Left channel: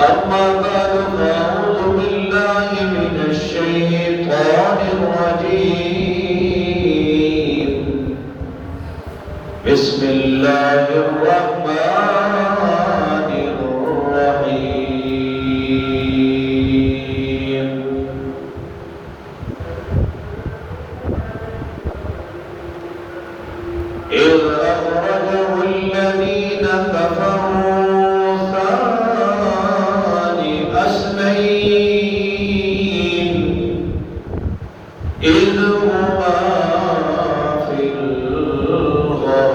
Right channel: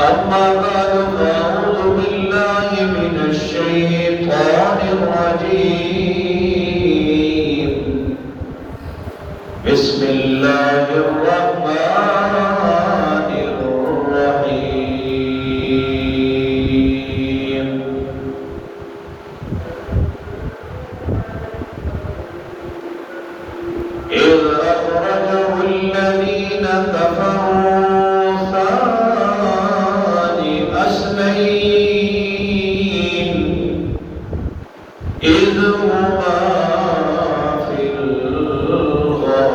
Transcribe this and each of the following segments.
أما بعد فأعوذ بالله من الشيطان الرجيم بسم الله الرحمن الرحيم إذ أخرجه الذين كفروا إذ هما في الغار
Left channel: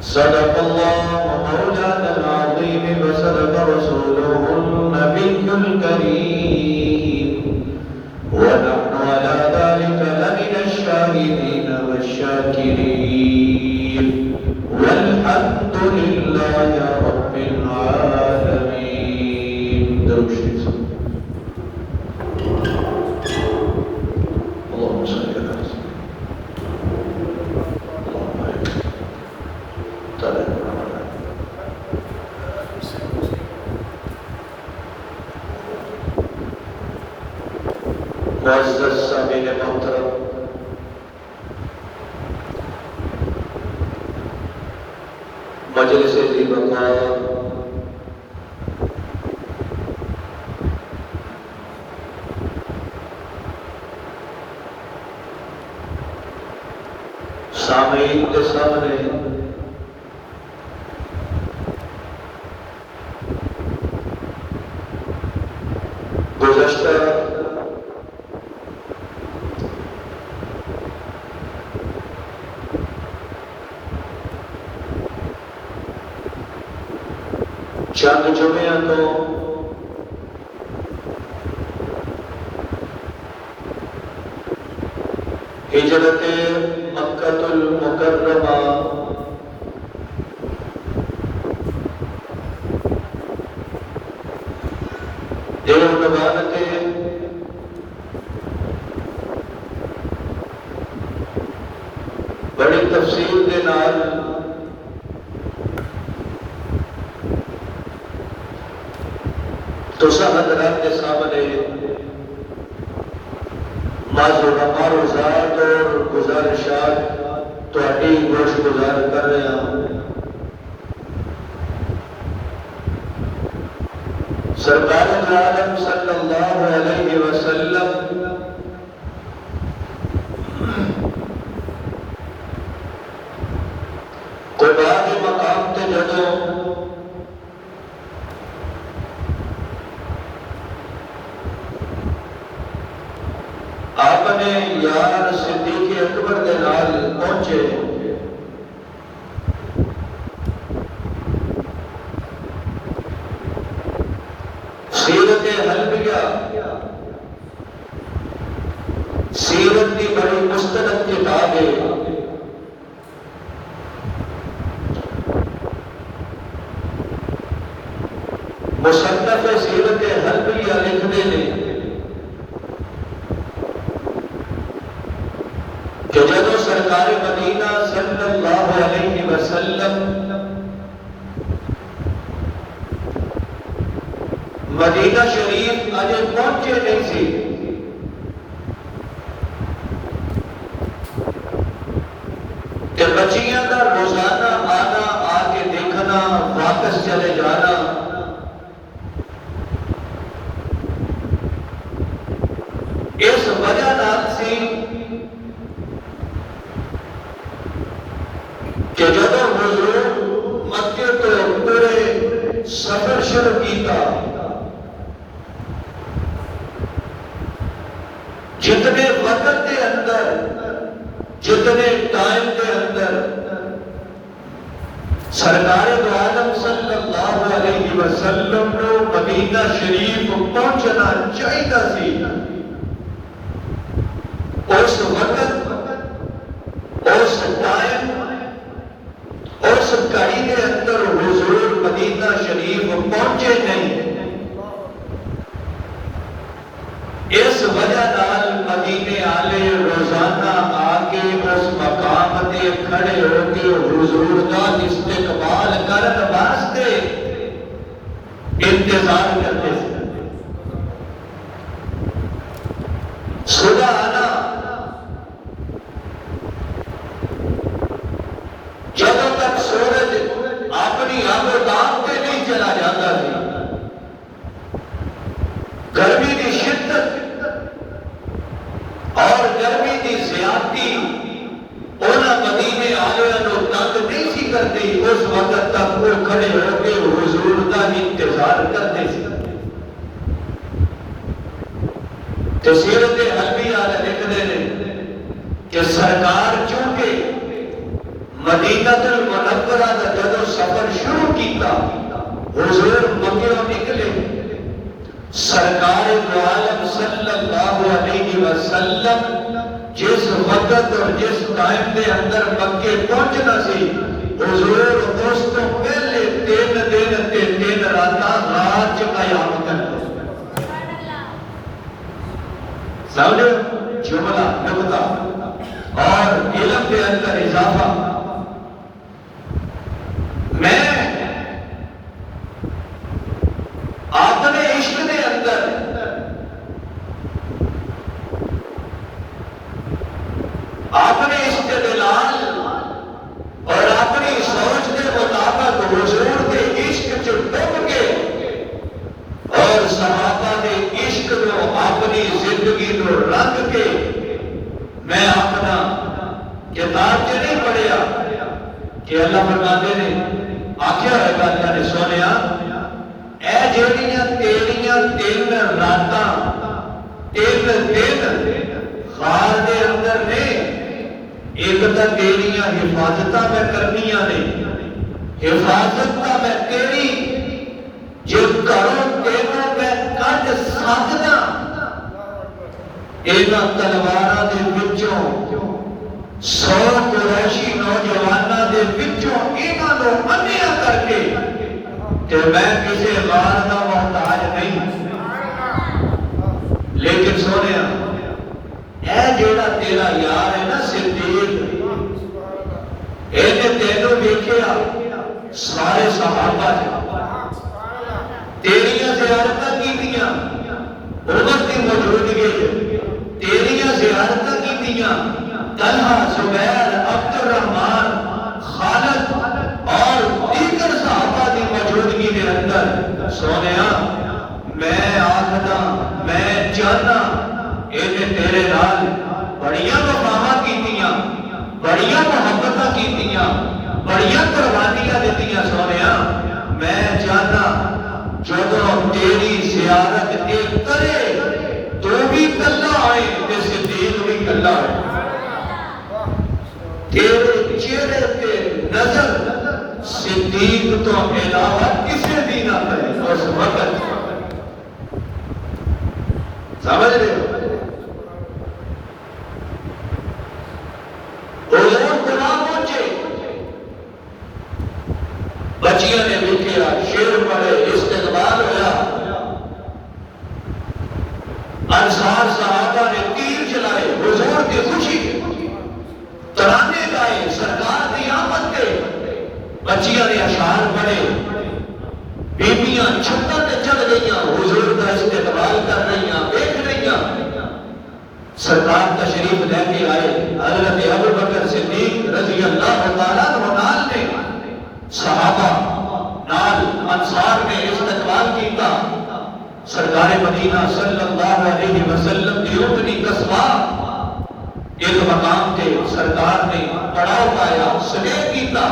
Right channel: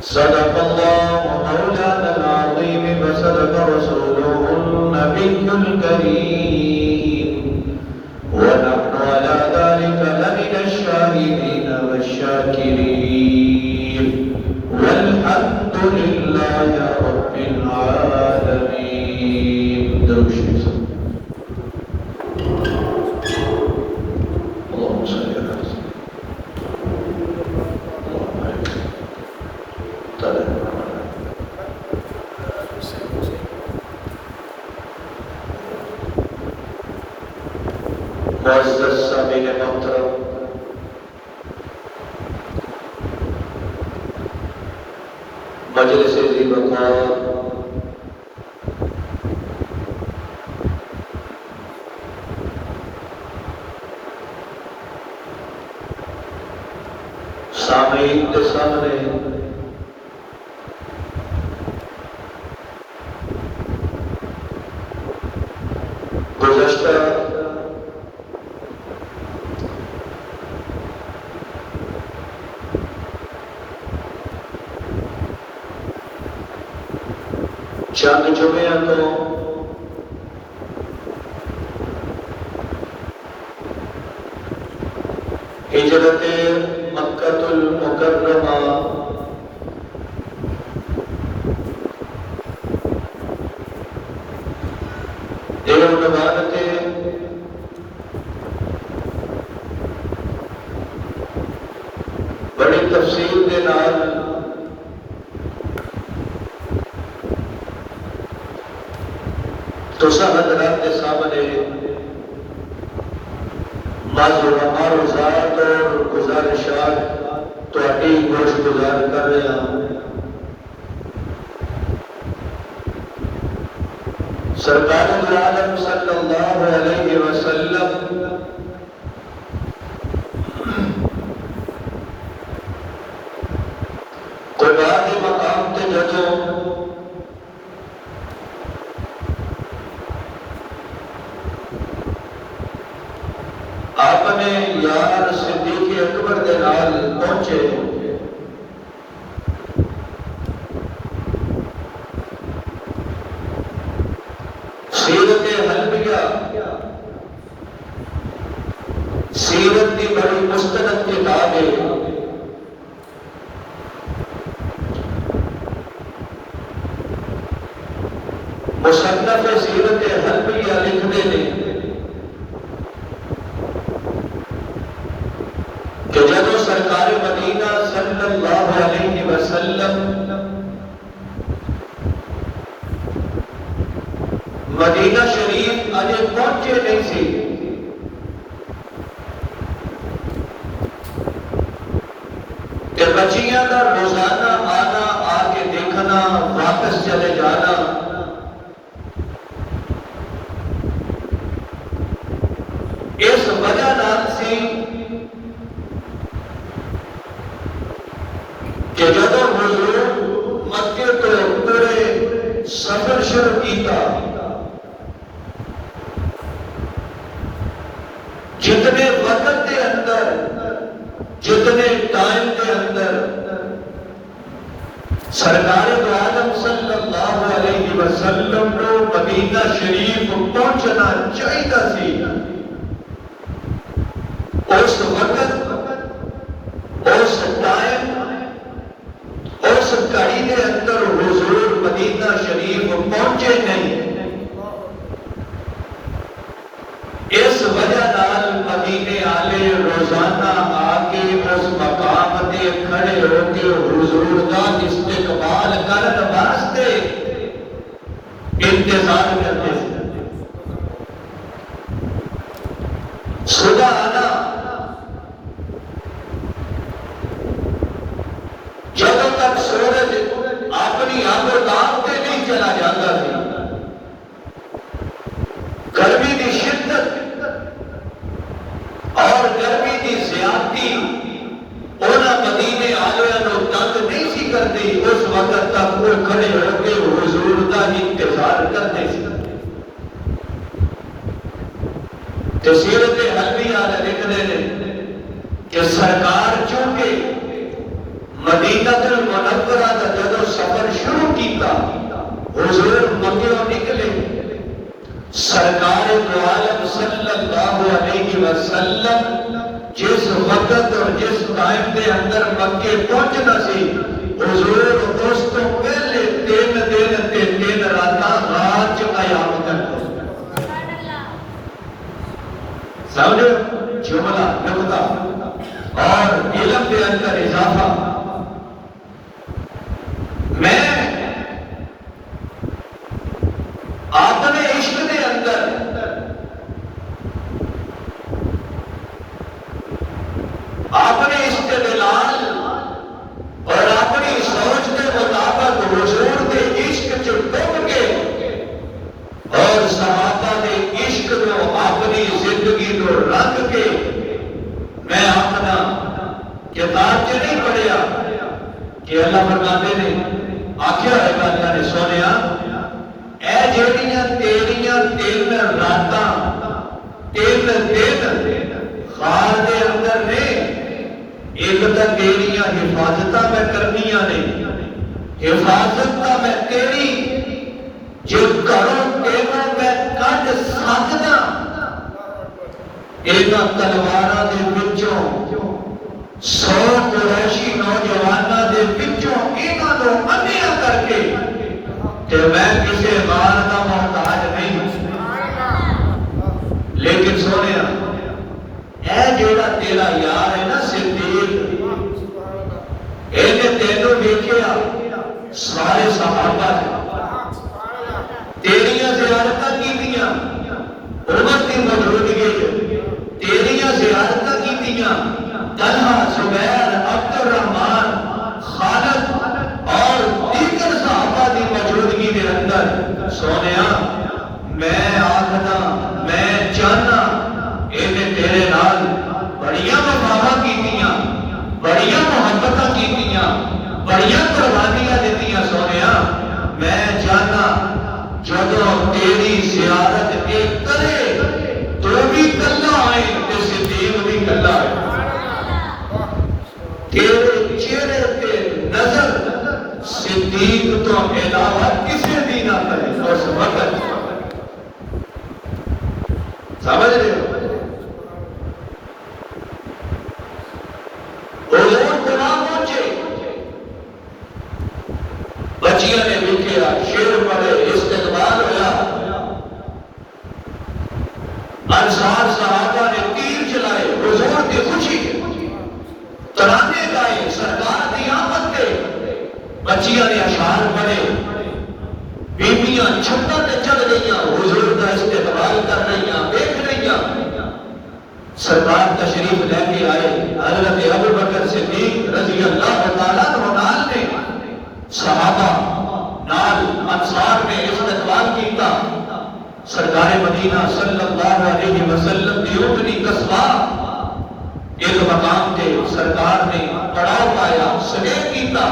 صدق الله مولانا العظيم وصدق رسوله النبي الكريم ونحن على ذلك لمن الشاهدين والشاكرين والحمد لله رب العالمين. معزز سامعین محترم، مجلس ذی بقار سامعین کے سامنے گزشتہ چند جمعہ تو ہجرت مکہ المکرمہ دیوبند بڑی تفصیل کے نال تسا حضرات کے سامنے معروضات اور گزارشات تہاڈی گوش گزار کر رہے ہیں. سرکار عالم صلی اللہ علیہ وسلم قباء کے مقام تے جدوں آپ نے یار صدیق اکبر کے نال پہنچے، سیرت حلبیہ سیرت کی بڑی مستند کتاب ہے. مصنف سیرت حلبیہ لکھتے ہیں کہ جب سرکار مدینہ صلی اللہ علیہ وسلم مدینہ شریف اجے پہنچے نہیں سی، کہ بچیاں کا روزانہ آنا، آ کے دیکھنا، واپس چلے جانا، اس وجہ نال سی کہ جب حضور مکے تو پورے سفر شروع کیتا، جتنے وقت کے اندر، جتنے ٹائم کے اندر سرکار عالم صلی اللہ علیہ وسلم کو مدینہ شریف پہنچنا چاہیے سی، اس وقت، اس ٹائم، اس گھڑی کے اندر حضور مدینہ شریف پہنچے نہیں. اس وجہ نال مدینے والے روزانہ آ کے اس مقام تے آگے کھڑے ہو کے حضور کا استقبال کرنے واسطے انتظار کرتے تھے. صبح آنا جب تک سورج اپنی آنکھوں کے نہیں چلا جاتا تھا. گرمی کی شدت اور گرمی کی زیادتی انہاں مدینے والوں کو تنگ نہیں سی کرتی. اس وقت تک وہ کھڑے ہو کے حضور کا انتظار کرتے تھے. سیرت حلبی والے لکھتے ہیں کہ سرکار چونکہ مدینہ المنورہ کا جب سفر شروع کیتا حضور مکہ نکلے. سرکار دو عالم صلی اللہ علیہ وسلم جس وقت اور جس ٹائم کے اندر مکے پہنچنا سی حضور دوستوں پہلے 3 دن تے 3 راتاں رات چ قیام کرتے. سمجھے جملہ نقطہ اور علم کے اندر اضافہ. میں اپنے عشق کے اندر اپنے استدلال اور اپنی سوچ کے مطابق حضور کے عشق چ ڈوب کے اور صحابہ کے عشق کو اپنی زندگی کو رنگ کے میں اپنا کتاب چ نہیں پڑھیا کہ اللہ فرماتے نے آخیا ہے اللہ نے سونیا اے جہڑیاں تیریاں 3 راتاں 3 دن خار دے اندر نے ایک تو تیریاں حفاظتاں میں کرنیاں نے. حفاظت کا میں تیری جو کروں تیرا میں کٹ سکنا اینا تلواراں دے وچوں 100 قریشی نوجواناں دے وچوں انہاں نوں منیا کر کے کہ میں کسی غار کا محتاج نہیں. لیکن سونیا اے جیڑا تیرا یار ہے نا صدیق اینے تینوں دیکھیا سارے صحابہ تیریاں زیارتاں کیتیاں عمر کی موجودگی تیریاں زیارتاں کیتیاں طلحہ زبیر عبد الرحمن خالد اور دیگر صحابہ کی موجودگی کے اندر سونیا میں آخنا میں چاہنا انہیں تیرے نال بڑیاں وفاواں کیتیاں بڑیاں محبتاں کیتیاں بڑیاں قربانیاں دیتیاں. سونیا میں چاہنا جدوں تیری زیارت ایک کرے تو بھی کلا آئے تے صدیق بھی کلا آئے. تیرے چہرے پہ نظر صدیق تو علاوہ کسی بھی نہ کرے. اس وقت سمجھ رہے ہو بچیاں نے لکھا شیر پڑھے استقبال ہوا. انصار صحابہ نے تیر چلائے حضور کی خوشی ترانے گائے سرکار کی آمد کے. بچیاں نے اشعار پڑھے بیبیاں چھتاں تے چڑھ گئیاں حضور کا استقبال کر رہیاں دیکھ رہیاں. سرکار تشریف لے کے آئے. حضرت ابوبکر صدیق رضی اللہ تعالیٰ عنہ نے صحابہ نال انصار میں استقبال کیتا. سرکار مدینہ صلی اللہ علیہ وسلم کی اپنی قصبہ ایک مقام تے سرکار نے پڑاؤ پایا سلیب کیتا.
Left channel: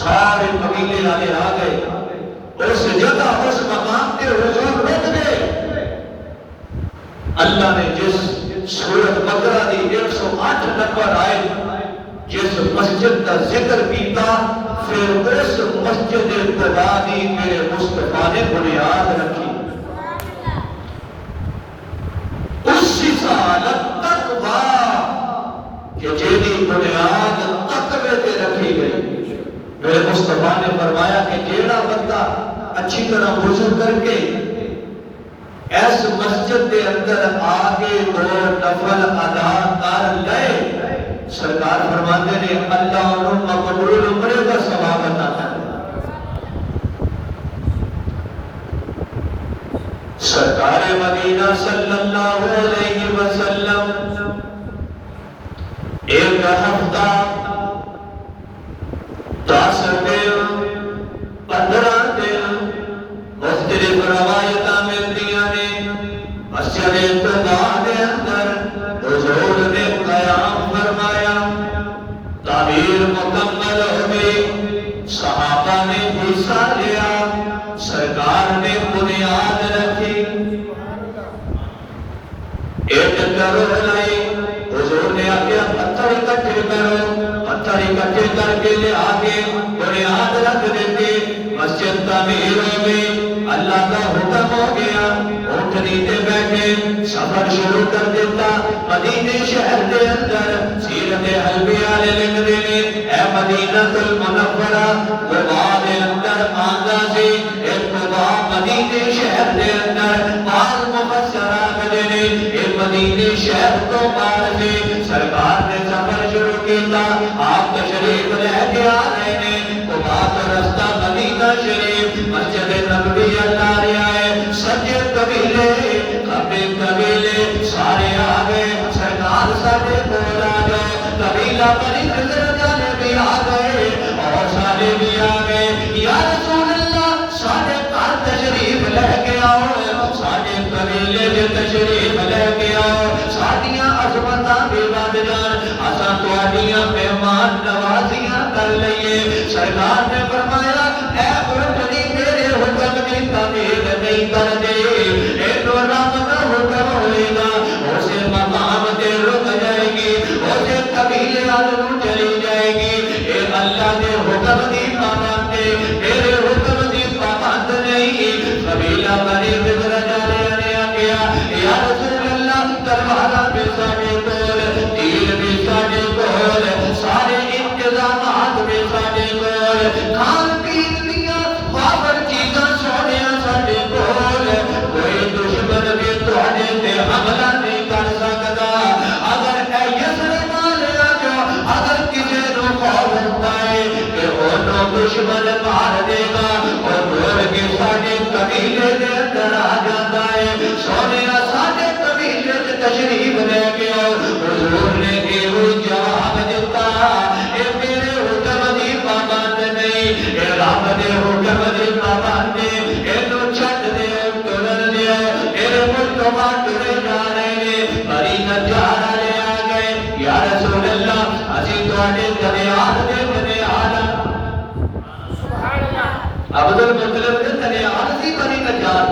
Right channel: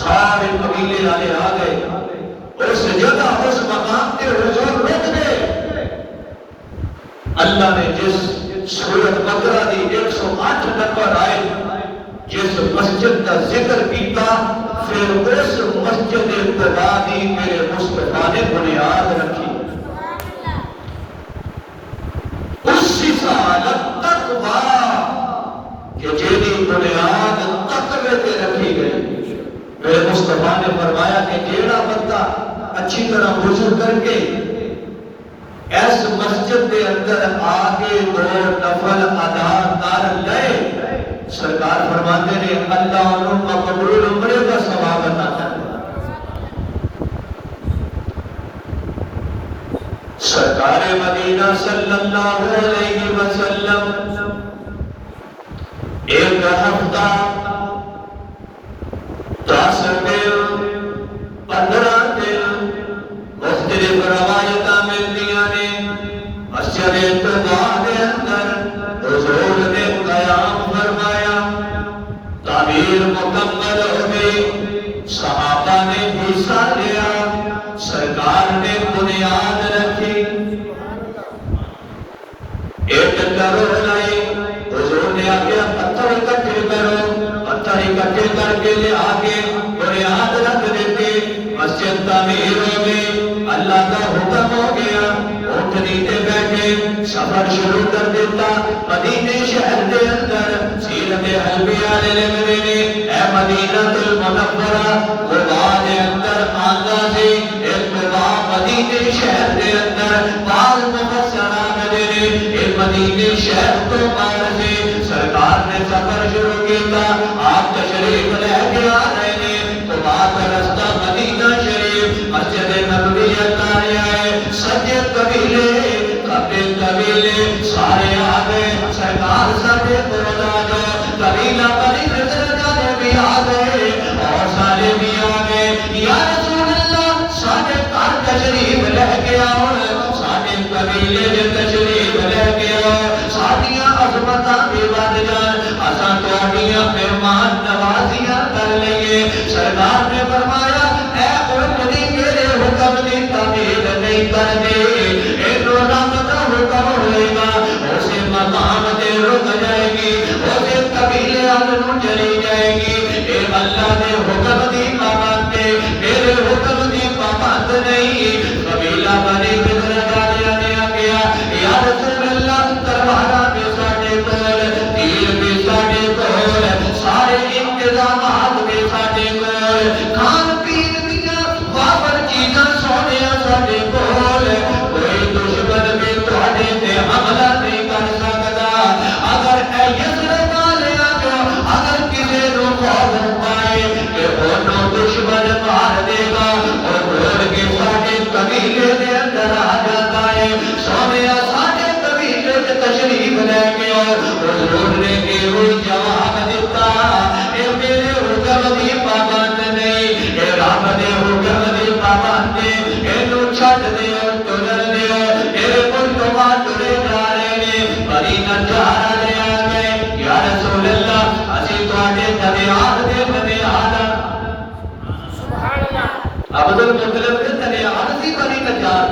سارے قبیلے والے آ گئے اس جگہ اس مقام تے حضور رک گئے. اللہ نے جس سورت بقرہ دی 108 نمبر آئے جس مسجد کا ذکر کیتا پھر اس مسجد خدا دی میرے مصطفیٰ نے بنیاد رکھی. اسی سالت تقوی کہ جیدی بنیاد تقوی تے رکھی گئی. میرے مصطفیٰ نے فرمایا کہ جیڑا بندہ اچھی طرح وضو کر کے اس مسجد کے اندر آگے 2 نفل ادا کر لے سرکار فرماتے ہیں اللہ علوم مقبول عمرے کا ثواب عطا کرے. سرکار مدینہ صلی اللہ علیہ وسلم ایک ہفتہ 10 دن 15 دن مختلف روایتاں ملدیاں نے. مسجد قباء کے اندر حضور نے قیام فرمایا. تعمیر مکمل ہو گئی. صحابہ نے حصہ لیا. سرکار نے بنیاد رکھی. ایک کرو بنائی. حضور نے آگے پتھر اکٹھے کرو. پتھر اکٹھے کر کے لے آگے بنیاد رکھ دیتے. مسجد تعمیر ہو گئی. اللہ کا حکم ہو گیا. اونٹنی پہ بیٹھے سفر شروع کر دیتا. مدینے شہر کے اندر سیرت انبیاء لکھ دینے. اے مدینہ المنورہ قباء کے اندر آندا سے ایک قباء مدینے شہر کے اندر بعض مفسران دینے ایک مدینے شہر کو پار سے سرکار نے سفر شروع کیا. آپ تشریف لے کے آ رہے ہیں. قباء کا رستہ مدینہ شریف مسجد نبوی اتارے آئے. سجے قبیلے قبیلے سارے آ گئے. سرکار سارے کول آ جاؤ. قبیلہ بنی حضرت بھی آ گئے اور سارے بھی آ گئے. یا رسول اللہ سارے گھر تشریف لے کے آؤ. سارے قبیلے جو تشریف لے کے آؤ. ساڈیاں عظمتاں بھی بد جان. اساں تہاڈیاں مہمان نوازیاں کر لئیے. سرکار نے فرمایا اے اونٹنی میرے حکم کی تعمیل نہیں کر دے. اینو رب کا حکم ہوئے گا. اسے مقام تے رک جائے گی. اسے قبیلے والوں چلی جائے گی. اے اللہ دے حکم دی پابند ہے. میرے حکم دی پابند نہیں. قبیلہ بنی حضرت نے آگیا یا رسول اللہ تلوارا بھی ساڈے کول تیر بھی ساڈے کول سارے انتظامات بھی ساڈے کول کھان پین دیاں وافر چیزاں سونیاں ساڈے کول. کوئی دشمن بھی تہاڈے تے حملہ نہیں کر سکدا. اگر اے یثرب والے جو اگر کسے نوں خوف پائے کہ اونوں دشمن مار دے گا اور دوڑ کے ساڈے قبیلے دے اندر آ جاتا ہے. سونیا ساڈے قبیلے تے تشریف لے کے آؤ. حضور نے ایہو جواب دیتا اے میرے حکم دی پابند نہیں. اے رب دے حکم دی پابند ہے. اینو چھڈ دیو ٹرن دیو. میرے ملک ٹرے جا رہے نے. بڑی نجار والے آ گئے. یا رسول اللہ اسی تہاڈے دریاد دے بنیاد عبد المطلب کے دریاد دی بڑی نجار.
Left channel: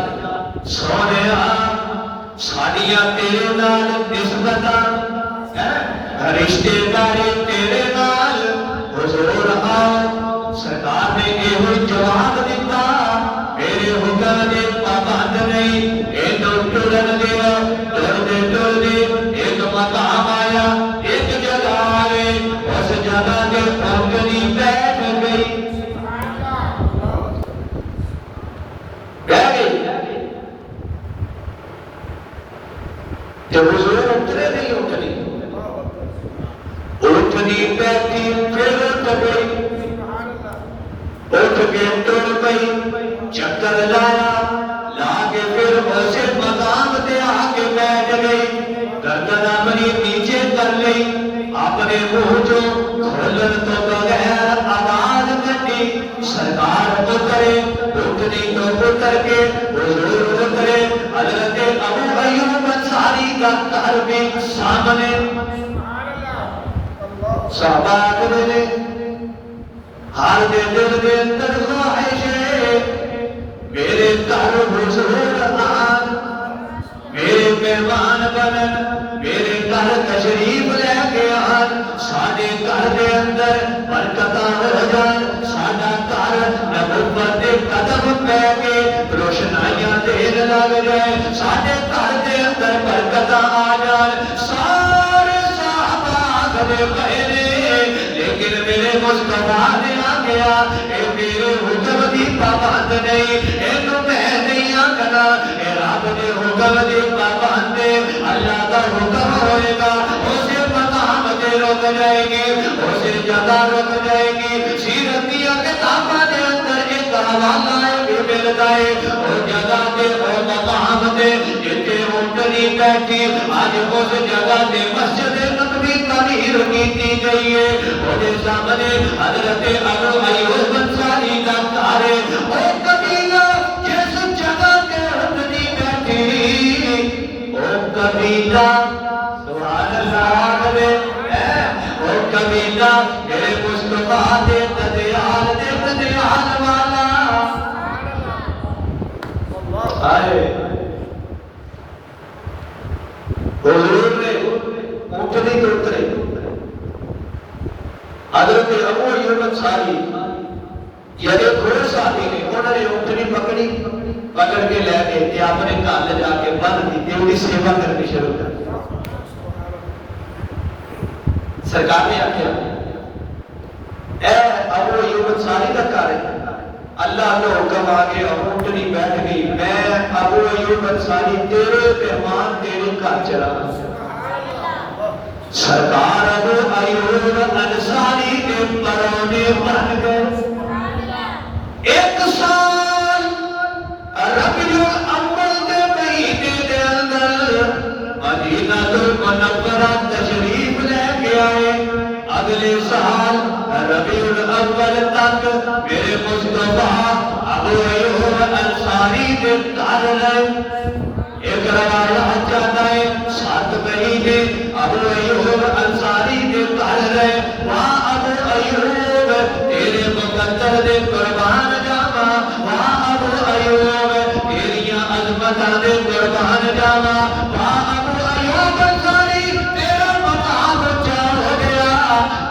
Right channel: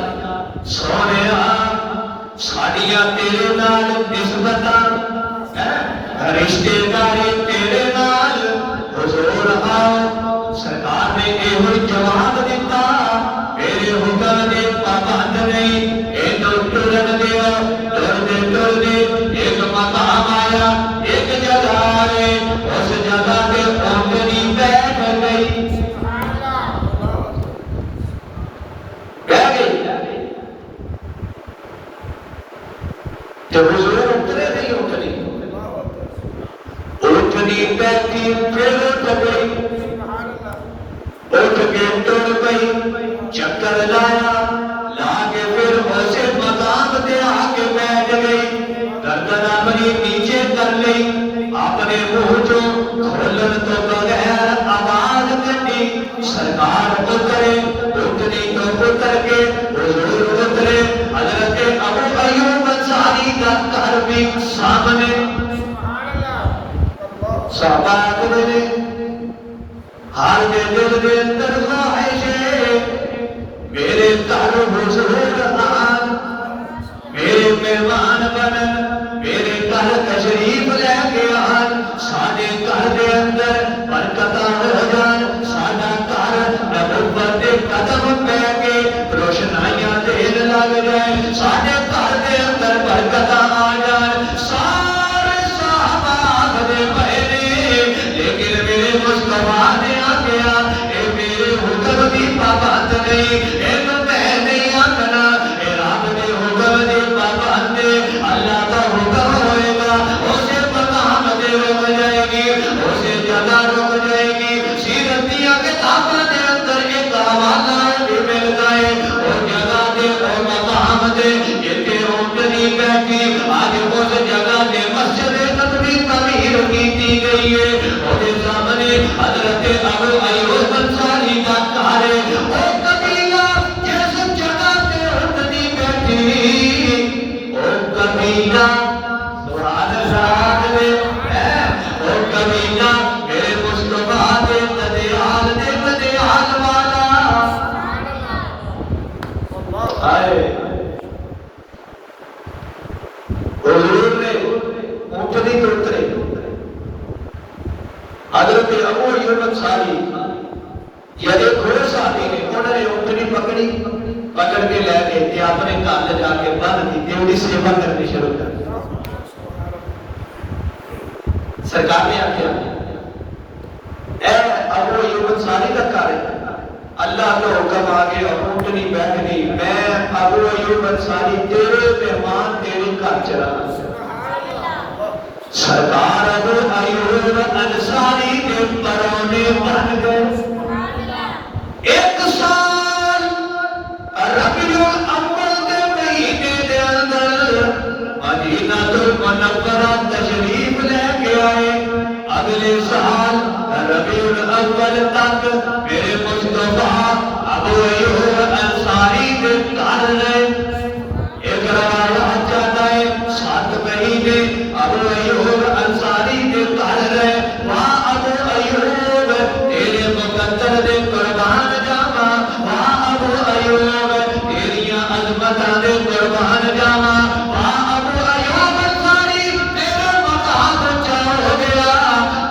سونیا ساڈیاں تیرے نال نسبتاں رشتے داری تیرے نال. حضور آؤ. سرکار نے ایہو جواب دیتا میرے حکم دے پابند نہیں. اینو ٹرن دیو. ٹر دے ایک مقام آیا. ایک جگہ آئے. اس جگہ تے اونٹنی بیٹھ گئی. بیٹھ گئی تے حضور اترے نہیں. اونٹنی بیٹھی پھر اٹھ گئی. اٹھ کے ٹر گئی. چکر لایا. لا کے پھر اسے مقام تے آ کے بیٹھ گئی. گردن اپنی نیچے کر لی. اپنے منہ جو کھولن تو بغیر آواز کٹی. سرکار اترے. اونٹنی کو اتر کے حضور اترے. حضرت ابو ایوب انصاری کا گھر بھی سامنے. صحابہ کرے ہر دل دے اندر خواہش ہے میرے گھر حضور آن. میرے مہمان بنن. میرے گھر تشریف لے کے آن. ساڈے گھر دے اندر برکتاں ہو جان. ساڈا گھر نبوت دے قدم پہ کے روشنائیاں دین لگ جائے. ساڈے گھر دے اندر برکتاں آ جان. سارے صحابہ آگے بڑھے لیکن میرے مصطفیٰ نے آ گیا. اے میرے حکم دی پابند نہیں. اینو میں نہیں آکھنا. اے رب دے حکم دی پابند. اللہ دا حکم ہوئے گا. اسے مقام دے رک رک جائے گی، اسے جگہ رک جائے گی۔ سیرت دیا کتاباں دے اندر ایک حوالہ بھی ملتا ہے، اور جگہ دے اور مقام دے جتھے اونٹنی بیٹھی، آج اس جگہ دے مسجد نبوی تعمیر کی گئی ہے۔ اور سامنے حضرت ابو ایوب انصاری کا گھر ہے، وہ قبیلہ جس جگہ تے اونٹنی بیٹھی، وہ قبیلہ سبحان اللہ ہے، وہ قبیلہ میرے مصطفیٰ دے بدیال والا آئے۔ حضور نے اونٹنی کو اترے، حضرت ابو ایوب انصاری یا ایک گھوڑ ساتھی نے انہوں نے اونٹنی پکڑی، پکڑ کے لے گئے تھے، اپنے گھر جا کے باندھ دی، تیوڑی سیوا کرنی شروع کر دی۔ سرکار نے آخیا اے ابو ایوب انصاری کا گھر ہے، اللہ کا حکم آ گیا، اونٹنی بیٹھ گئی، میں ابو ایوب انصاری تیرے مہمان تیرے گھر چلا۔ سرکار ابو ایوب انصاری کے پرونے بن گئے۔ ایک سال ربیع الاول دے مہینے دے اندر مدینہ المنورہ تشریف لے کے آئے۔ اگلے سال ربیع الاول تک میرے مصطفیٰ ابو ایوب انصاری دے گھر رہے۔ ایک روایت جاتا ہے 7 مہینے ابو ایوب انصاری دے گھر رہے۔ وہاں ابو ایوب تیرے مقدر دے قربان جاوا، وہاں ابو ایوب تیریاں عظمتاں دے قربان جاوا، وہاں ابو ایوب انصاری تیرا مقام اونچا ہو گیا۔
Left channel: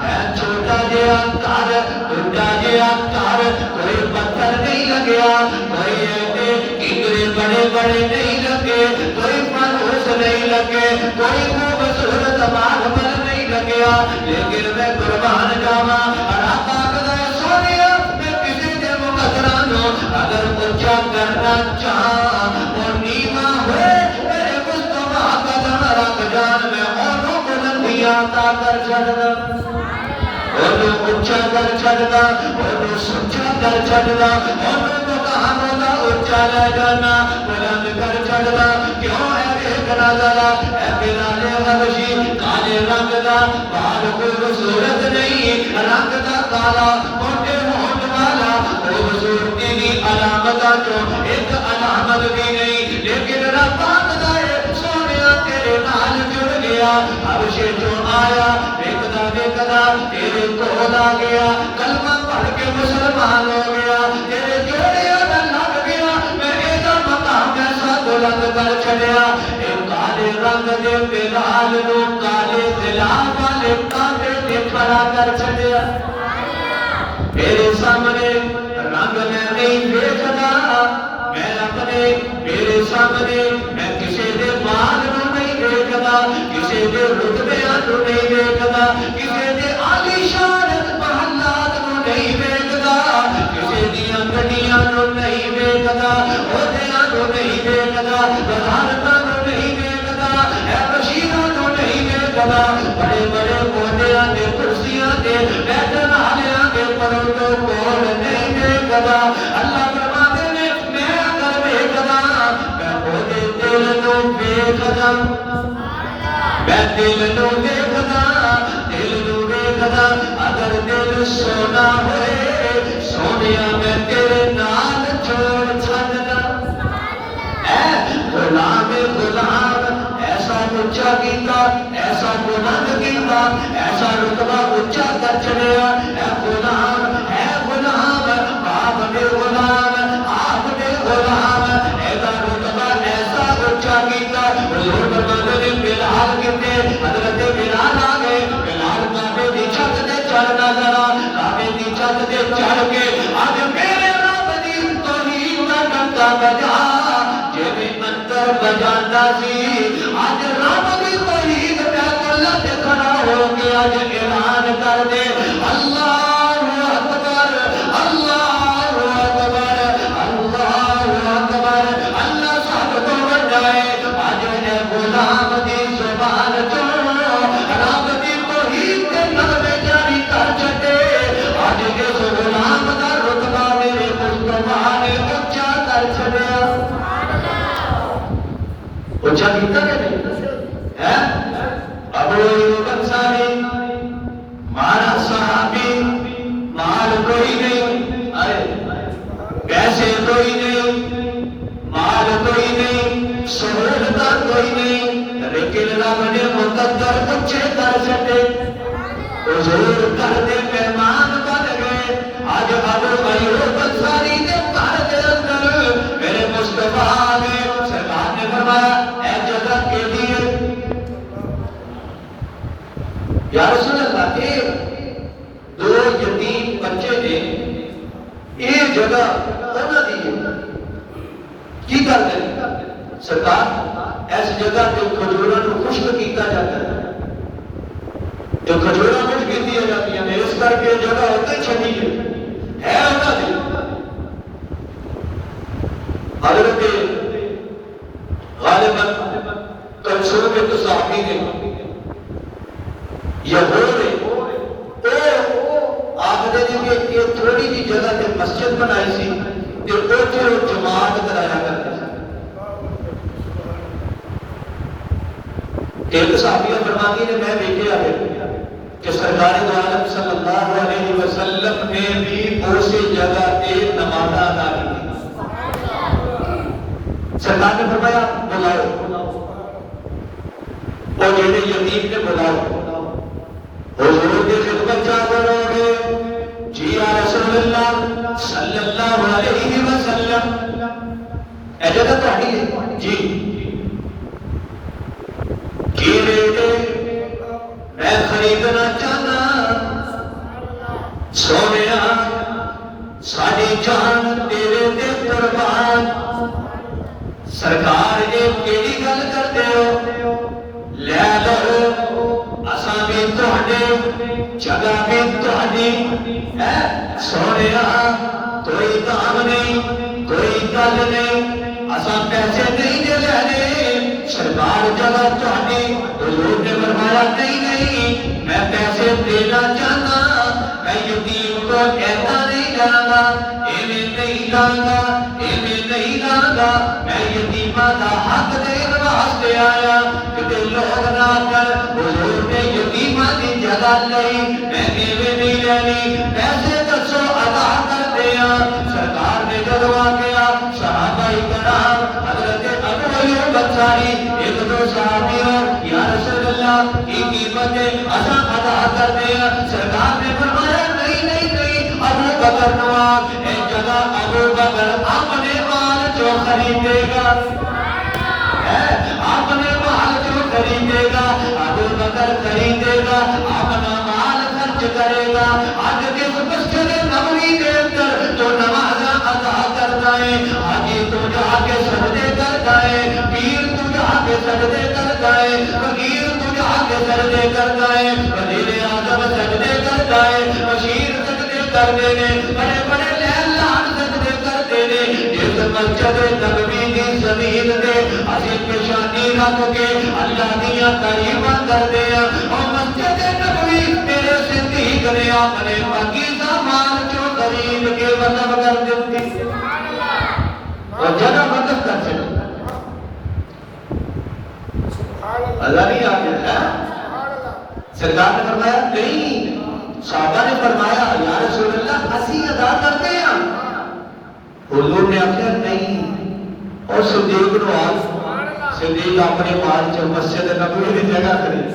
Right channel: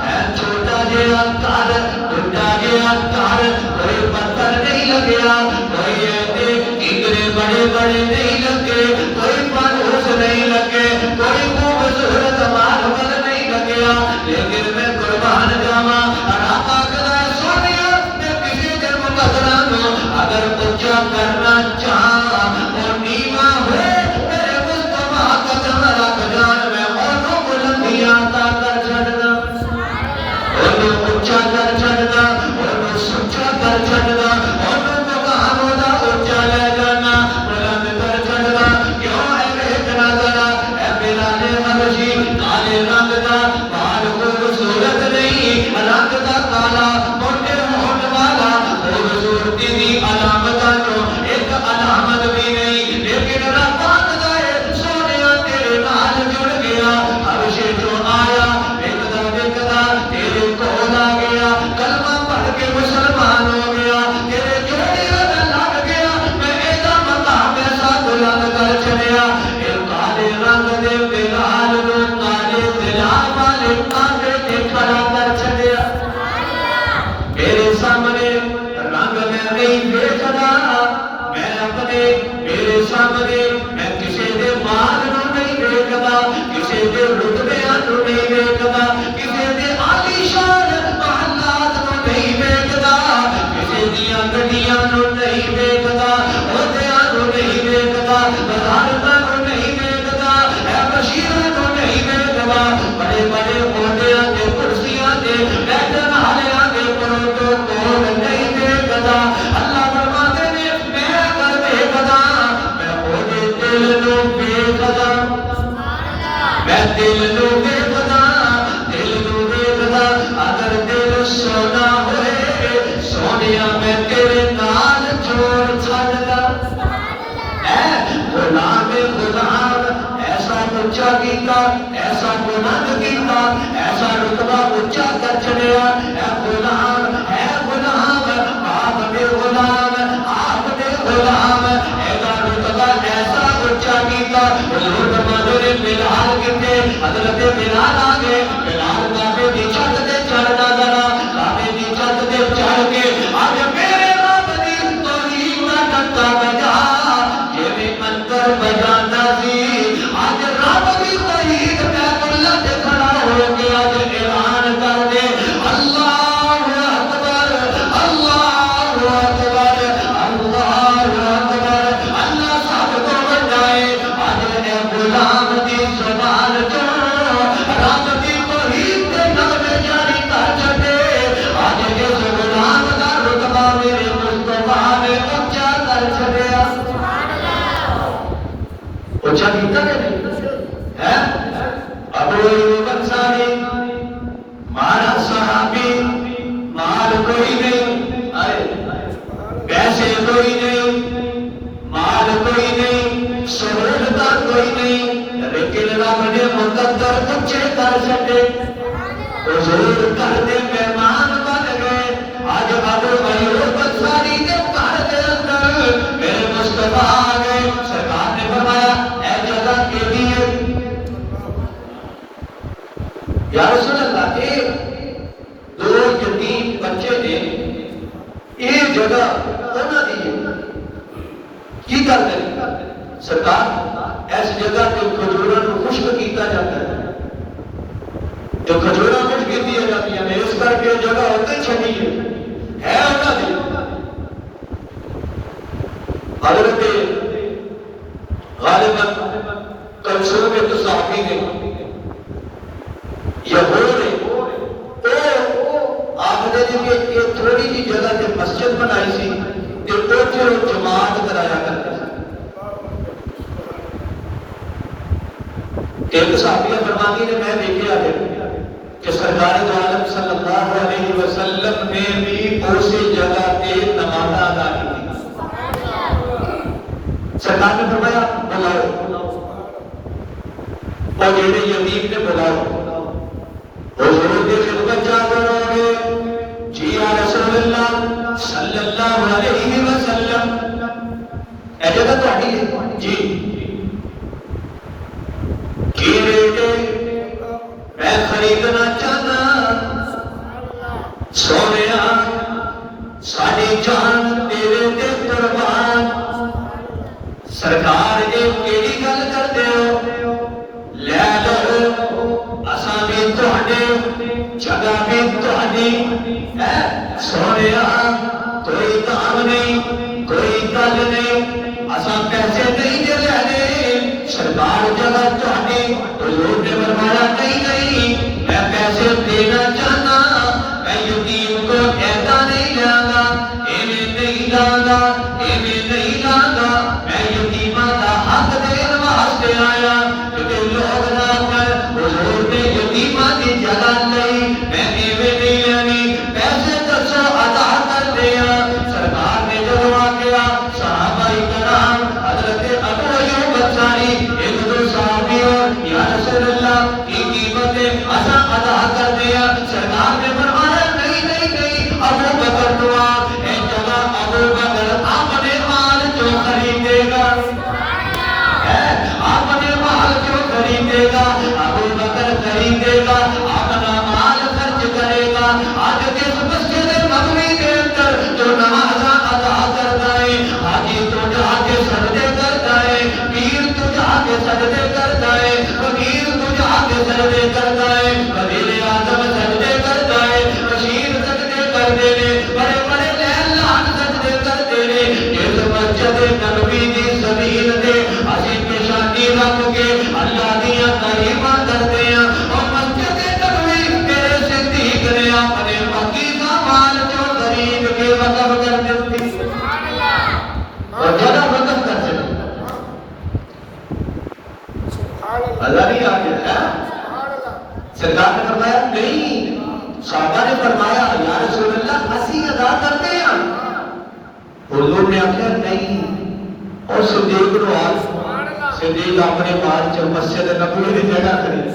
اے چھوٹا جہا گھر، بڑا جہا گھر، کوئی پتھر نہیں لگیا، کوئی ایسے کنگرے بڑے بڑے نہیں لگے، کوئی فانوس نہیں لگے، کوئی خوبصورت ماربل نہیں لگیا، لیکن میں قربان جاوا رابطہ کرائے سونیا میں کسی دے مقدرہ نو اگر اونچا کرنا چاہاں اور نیواں ہوئے میرے مصطفیٰ قدم رکھ جان، میں انہوں بلندیاں عطا کر چھڑنا، انہوں اونچا کر چھڑنا، انہوں سچا کر چھڑنا، انہوں مقام دا اونچا لے جانا، بلند کر چھڑنا۔ کیوں ہے دیکھنا ذرا اے بلال حبشی کالے رنگ دا، بال خوبصورت نہیں، رنگ دا کالا، موٹے ہونٹ والا، خوبصورتی دی علامتاں چوں ایک علامت بھی نہیں، لیکن رب آکھدا ہے سونیا تیرے نال جڑ گیا، حبشے چوں آیا، ویکھدا تیرے کول آ گیا، کلمہ پڑھ کے مسلمان ہو گیا، تیرے جوڑیاں نال لگ گیا، میں ایسا مقام ایسا بلند کر چڑھیا۔ اے کالے رنگ دے بلال نو کالے بلال والے کانٹے نے کھڑا کر چڑھیا۔ میرے سامنے رنگ میں نہیں دیکھدا، میں اپنے میرے سامنے میں کسی دے بال نو نہیں دیکھدا، کسی دے رتبیاں نو نہیں دیکھدا، کسی دے عالی شان محلات نو نہیں دیکھدا، کسی دیاں گڈیاں نو نہیں دیکھدا، عہدیاں نو نہیں دیکھدا، وزارتاں نو نہیں دیکھدا، اے بشیراں نو نہیں دیکھدا، بڑے بڑے عہدیاں تے کرسیاں تے بیٹھن والیاں دے پروٹوکول نہیں دیکھدا۔ اللہ فرماندے نے میں اگر دیکھدا میں اودے دل نو دیکھدا، میں دل نو دیکھدا، دل نو دیکھدا، اگر دل سونا ہوئے سونیا میں تیرے نال جوڑ چھڑدا۔ اے غلام غلام ایسا اونچا کیتا، ایسا بلند کیتا، ایسا رتبہ اونچا کر چڑھیا۔ اے غلام اے غلام آپ میں غلام، آپ میں غلام، ایسا رتبہ ایسا اونچا کیتا۔ حضور فرماتے نے بلال کتے، حضرت بلال آ گئے، بلال کعبے دی چھت تے چڑھنا ذرا، کعبے دی چھت تے چڑھ کے آج میرے رب دی توحید دا ڈنکا بجا، جویں منتر بجاندا سی، آج رب دی توحید میں اللہ تے کھڑا ہو کے آج اعلان کر دے، اللہ کوئی نہیں، پیسے کوئی نہیں، مال کوئی نہیں، سہولت کوئی نہیں، لیکن رب نے مقدر کچھ کر سکے، حضور کر دے مہمان بن گئے۔ آج ابو ایوب انصاری کے گھر کے اندر میرے مصطفیٰ آ گئے، سرکار نے فرمایا اے جگہ کیڑی ہے؟ یا رسول اللہ کے دو یتیم بچے نے یہ جگہ انہوں دی ہے، کی کر دیں سرکار اس جگہ کے کھجوراں کو خشک کیتا جاتا ہے، جو کھجوراں کچھ بھی دیا جاتی ہیں، اس کر کے جگہ ہوتی چھڑی ہے انہوں دی۔ حضرت غالباً کلثوم کے صحابی نے یہود نے آخر کہ تھوڑی جی جگہ سے مسجد بنائی سی تے اوتھے وہ جماعت کرایا کرتے تھے۔ ایک صحابیہ فرماتی نے میں دیکھے آگے کہ سرکار دو عالم صلی اللہ علیہ وسلم نے بھی اسی جگہ پہ نماز ادا کی۔ سرکار نے فرمایا بلاؤ، اور جیسے یتیم نے بلاؤ، حضور کے خدمت کیا کرو گے؟ جی یا رسول اللہ صلی اللہ علیہ وسلم، اے جگہ پڑھی ہے جی کی ریٹ میں خریدنا چاہنا، سونیا ساری جان تیرے تے قربان، سرکار نے کیڑی گل کرتے ہو؟ لے لو اساں بھی تہاڈے جگہ بھی تہاڈی ہے، سونیا کوئی دام نہیں کوئی گل نہیں، اساں پیسے نہیں دے لینے، سرکار جگہ تہاڈی۔ حضور نے فرمایا نہیں میں پیسے دینا چاہنا، میں یتیم کو ایسا نہیں داں گا، ایویں نہیں داں گا، ایویں نہیں داں گا، میں یتیماں دا حق دین واسطے آیا کہ لوگ نہ کر حضور نے یتیماں دی جگہ نہیں، میں ایویں نہیں لینی، پیسے دسو ادا کر دیا۔ سرکار نے جب آکیا صحابہ کرام حضرت ابو ایوب انصاری ایک دو صحابیوں یا رسول اللہ کی قیمت ادا ادا کر دیا۔ سرکار نے فرمایا نہیں نہیں نہیں، ابو بکر کو آپ اے جگہ ابو بکر اپنے مال جو خریدے گا، اپنے مال جو خریدے گا، ابو بکر خریدے گا، اپنا مال خرچ کرے گا۔ آج کس مسجد نبوی کے اندر جو نمازاں ادا کرتا ہے، حاجی تو جا کے سجدے کرتا ہے، پیر تو جا کے سجدے کرتا ہے، فقیر تو جا کے سجدے کرتا ہے، وزیر اعظم سجدے کرتا ہے، بشیر سجدے کرتے ہیں، بڑے بڑے لہلان سجدے کرتے ہیں۔ اس مسجد نبوی دی زمین دے اسی پیشانی رکھ کے اللہ دیا تعریفاں کرتے ہیں، اور مسجد نبوی میرے صدیق نے اپنے پاکیزہ مال جو خرید کے وقف کر دیتی اور جگہ وقف کر دیتی۔ اللہ نہیں آگے ہے، سرکار نے فرمایا نہیں، صحابہ نے فرمایا یا رسول اللہ اسی ادا کرتے ہیں، حضور نے آخیا نہیں، اور صدیق نو آج صدیق اپنے مال چ مسجد نبوی کی جگہ خرید۔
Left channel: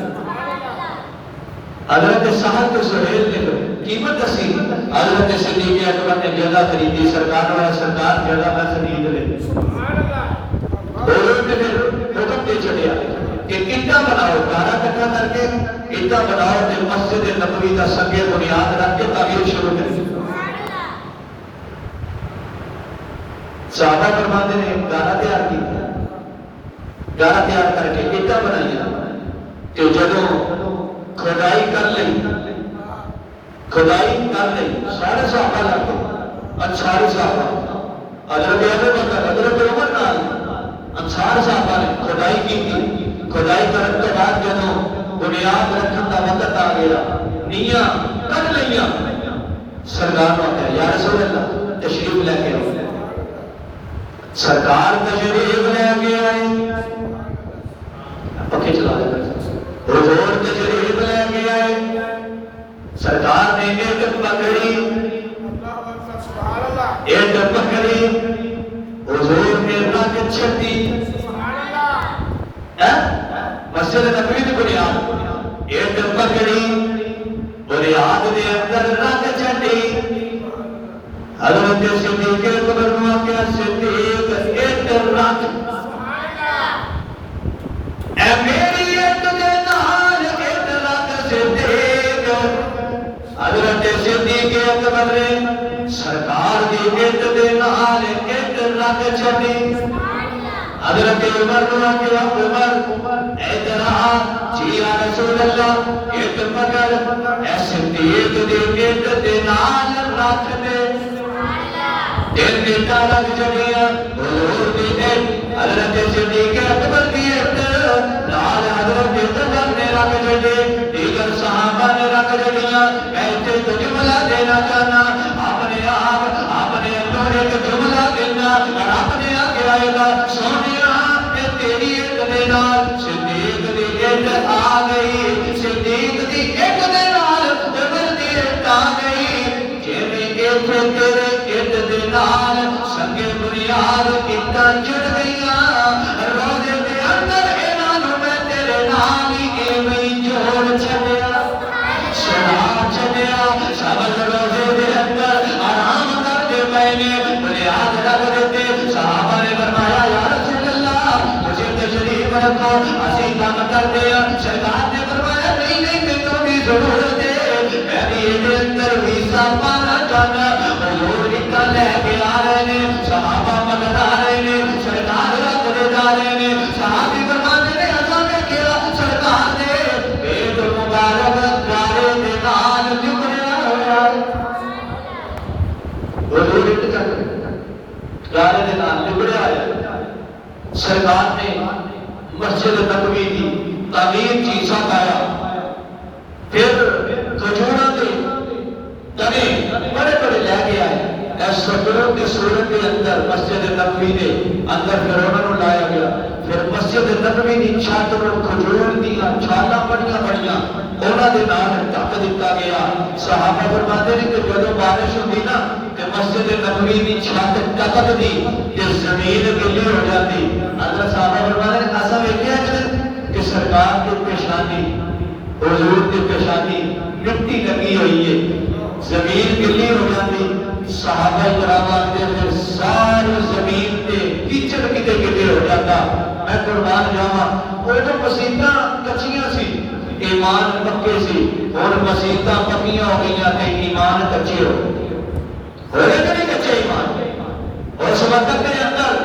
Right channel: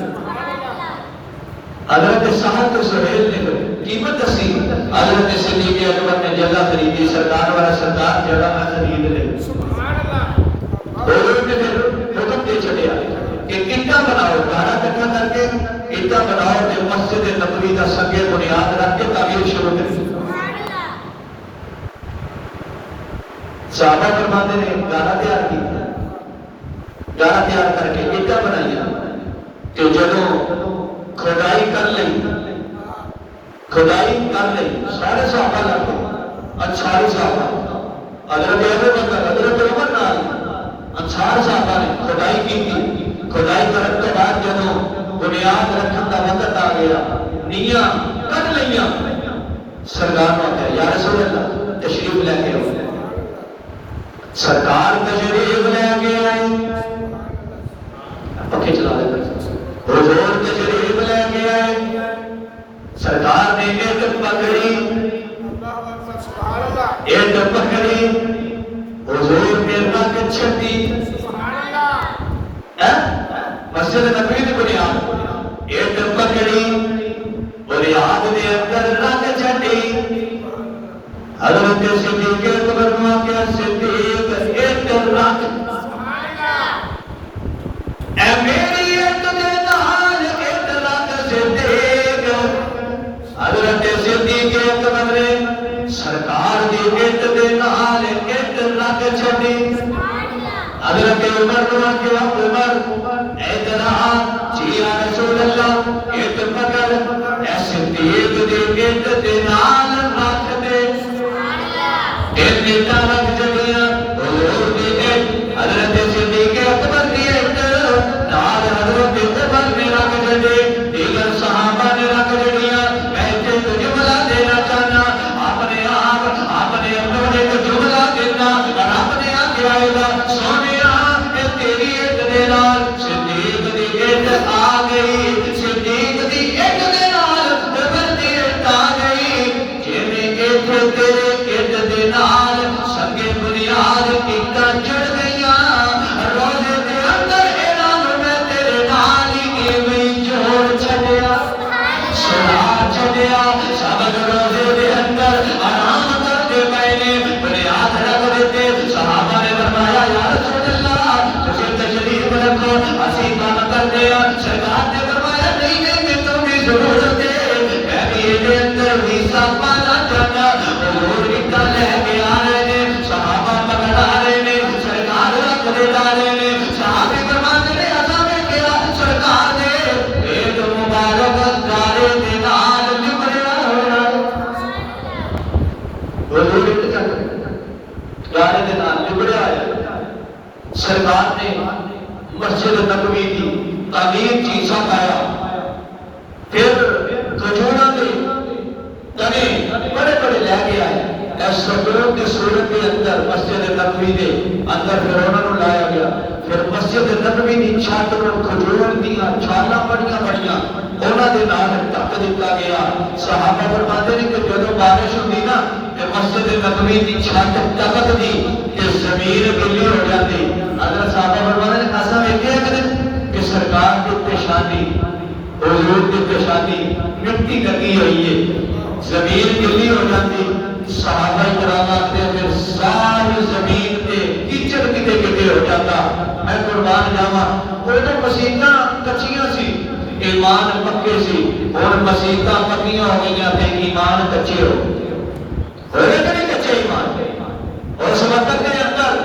حضرت سعد کے سہیل نے قیمت دسی، حضرت صدیق اکبر نے جگہ خریدی، سرکار والا سرکار جگہ نہ خرید لے۔ حضور نے حکم دے چڑیا کہ اینٹاں بناؤ، 12 کٹھا کر کے اینٹاں بناؤ تے مسجد نبوی کا سنگے بنیاد رکھ کے تعمیر شروع کری۔ صحابہ فرماتے نے گارا تیار کی، گارا تیار کر کے اینٹاں بنائیاں، تے جدوں کھدائی کر لئی، سارے صحابہ لگ گئے، انصاری صحابہ، حضرت ابو بکر، حضرت عمر نال انصار صحابہ نے کھدائی کی تھی۔ کھدائی کرنے کے بعد جدوں بنیاد رکھن کا وقت آ گیا، نیاں کٹ لئیاں، سرکار نے کہا یا رسول اللہ تشریف لے کے آؤ۔ سرکار تشریف لے کے آئے، پکے چلا دیتا، حضور تشریف لے کے آئے، سرکار نے ایک پگڑی حضرت صدیق اکبر واقعہ صدیق ایک رکھ اے میری ایک دے نال ایک رکھ صدیق حضرت صدیق اکبر نے سرکار دی ایک دے نال ایک رکھ چھڑی حضرت عمر کو کہ عمر ادنا جی یا رسول اللہ ایک پکڑ ایسے دیکھ دے ایک دے نال رکھ دے دل بیٹا رکھ جڑیاں حضور دی حضرت صدیق اکبر دی ایک نال حضرت عمر نے رکھ جڑے دیگر صحابہ نے رکھ جڑیاں میں تے جملہ دینا چاہنا اپنے آپ اپنے اپنے ایک جملہ دینا اور اپنے آپ آئے گا سونے تیری ایک دے نال صدیق دی ایک آ گئی صدیق دی ایک دے نال عمر دی ایک آ گئی جویں ایک تیرے ایک دے نال سنگے بنیاد اکٹھ جڑ گئیاں روزے دے اندر انہاں نوں میں تیرے نال ہی ایویں جوڑ چھڈیا سنا چھڈیا سب روزے دے اندر آرام کرتے پئے نے بنیاد رکھ دیتے صحابہ نے فرمایا یا رسول اللہ مجھے تشریف رکھو اسی کام کرتے ہیں سرکار نے فرمایا نہیں نہیں میں تمہیں ضرورت ہے میں بھی یہ اندر حصہ پانا چاہتا حضور اتنا لے کے آ رہے ہیں صحابہ مگر آ رہے ہیں سرکار رکھ دے جا رہے ہیں صحابی فرماتے نے عزم نے کیا سرکار نے ایک مبارک گارے دے نال لبڑیا ہوا حضور اتنا گارے دے نال لبڑیا ہے سرکار نے مسجد نبوی کی تعلیم چیزاں پایا پھر کھجوروں کے تنے بڑے بڑے لے کے آئے ایس سجروں کی صورت کے اندر مسجد نبوی کے اندر پھر انہوں نے لایا گیا پھر مسجد نبوی کی چھاتروں کھجوروں دیا چھالا بڑھیا بڑھیا انہوں نے نام ٹک دیتا گیا صحابہ فرماتے ہیں کہ جب بارش ہوتی نا کہ مسجد نبوی کی چھت ٹک دی کہ زمین گلی ہو جاتی اگر صحابہ فرماتے ہیں ایسا ویکھیا کہ سرکار کی پیشانی حضور کی پیشانی مٹی لگی ہوئی ہے زمین گلی ہو جاتی صحابہ کرام آتے پھر ساری زمین پہ کیچڑ کتے کتے ہو جاتا میں قربان جاواں وہ تو مسیتاں کچیاں سی ایمان پکے سی اور مسیتاں پکیاں ہو گئیاں تھے ایمان کچے ہو ہوئے کہ نہیں کچے ایمان اور اس وقت کے اندر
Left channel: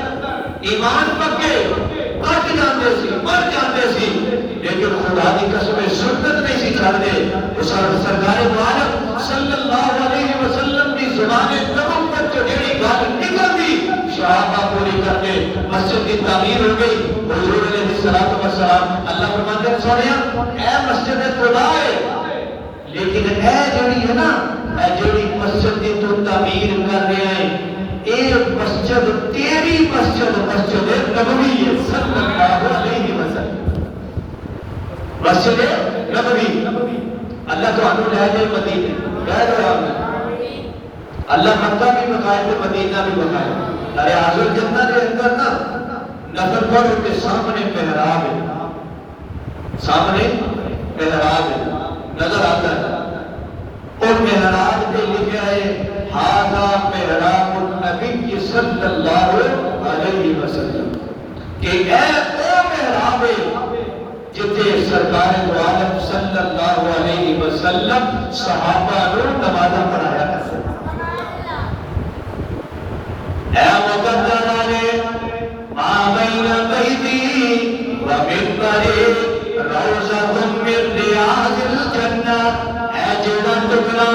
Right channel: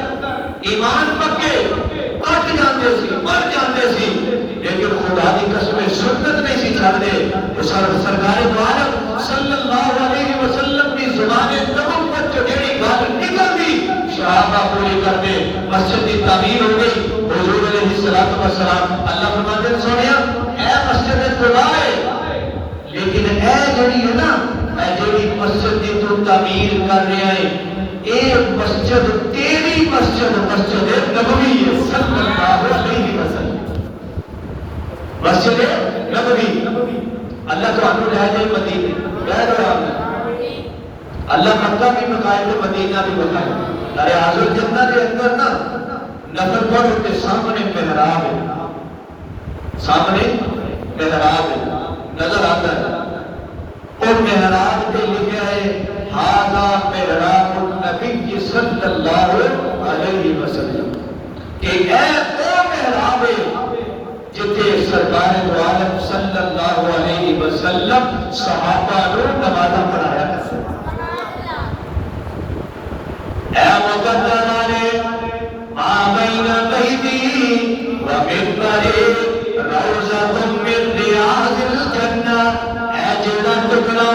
ایمان پکے کٹ جاندے سی مر جاندے سی لیکن خدا کی قسم سنت نہیں سی چھڑدے سرکار عالم صلی اللہ علیہ وسلم کی زبان نبوت جو جڑی گل نکلدی صحابہ پوری کرتے مسجد کی تعمیر ہو گئی حضور علیہ الصلوۃ والسلام اللہ فرماتے ہیں سونیا اے مسجد خدا ہے لیکن اے جڑی ہے نا اے جڑی مسجد دی تو تعمیر کر رہے ہیں اے مسجد تیری مسجد مسجد نبوی ہے صلی اللہ علیہ وسلم مسجد نبوی اللہ تو انہوں لے جائے مدینے کہہ رہا اللہ مکہ بھی بتائے تو مدینہ بھی بتائے ارے حاضر جنہ کے اندر نا نفر پر کے سامنے محراب ہے سامنے محراب ہے نظر آتا ہے اور محراب کے لکھا ہے ہذا محراب النبی صلی اللہ علیہ وسلم کہ اے او محراب جتے سرکار عالم صلی اللہ علیہ وسلم صحابہ کو نمازہ پڑھایا کرتے اے مقدرانے ما بین بیتی و ممبری روضۃ من ریاض الجنہ اے جنت ٹکڑا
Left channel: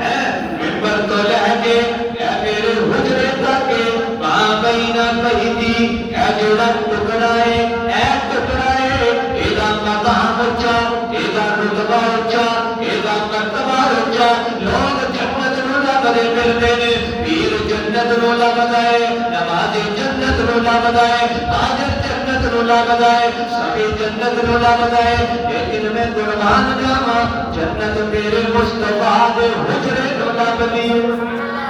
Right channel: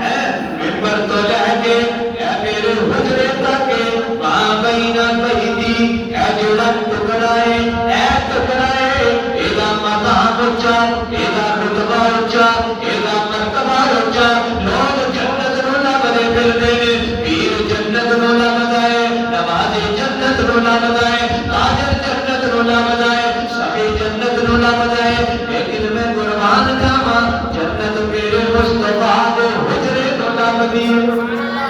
اے ممبر تو لے کے اے میرے حجرے تک ما بین بیتی اے جنت ٹکڑا ہے اے ٹکڑا ہے ایدہ مقام اچھا ایدہ رتبہ اچھا ایدہ مرتبہ اچھا لوگ جنت رولا کرے پھر دینے پیر جنت رولا بتائے نمازی جنت رولا بتائے تاجر جنت رولا بتائے سبھی جنت رولا بتائے لیکن میں قربان جاواں جنت میرے مصطفیٰ دے حجرے رولا بتی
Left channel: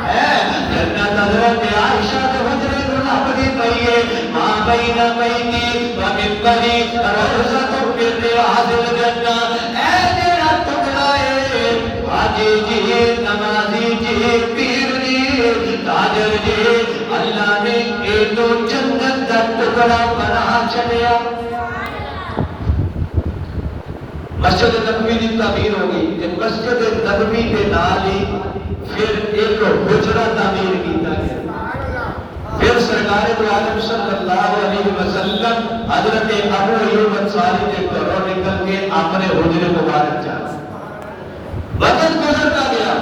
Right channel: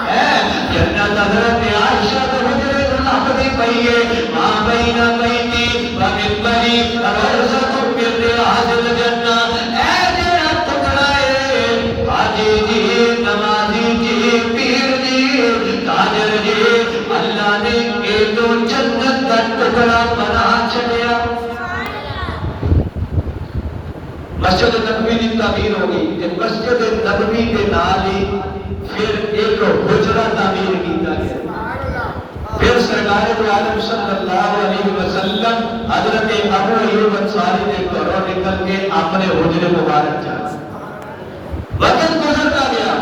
ہے جنت حضرت عائشہ دے حجرے رولا بتی پئی ہے ماں بین بیتی و ممبری روضۃ من ریاض الجنہ اے جڑا ٹکڑا ہے حاجی جی نمازی جی پیر جی مسجد نبوی کی تعمیر ہوگی کہ مسجد نبوی کے نال ہی پھر ایک حجرہ تعمیر کیتا گیا. پھر سرکار دو عالم صلی اللہ علیہ وسلم حضرت ابو ایوب انصاری نے گھروں نکل کے اپنے حجرے مبارک جانا. وقت گزرتا گیا،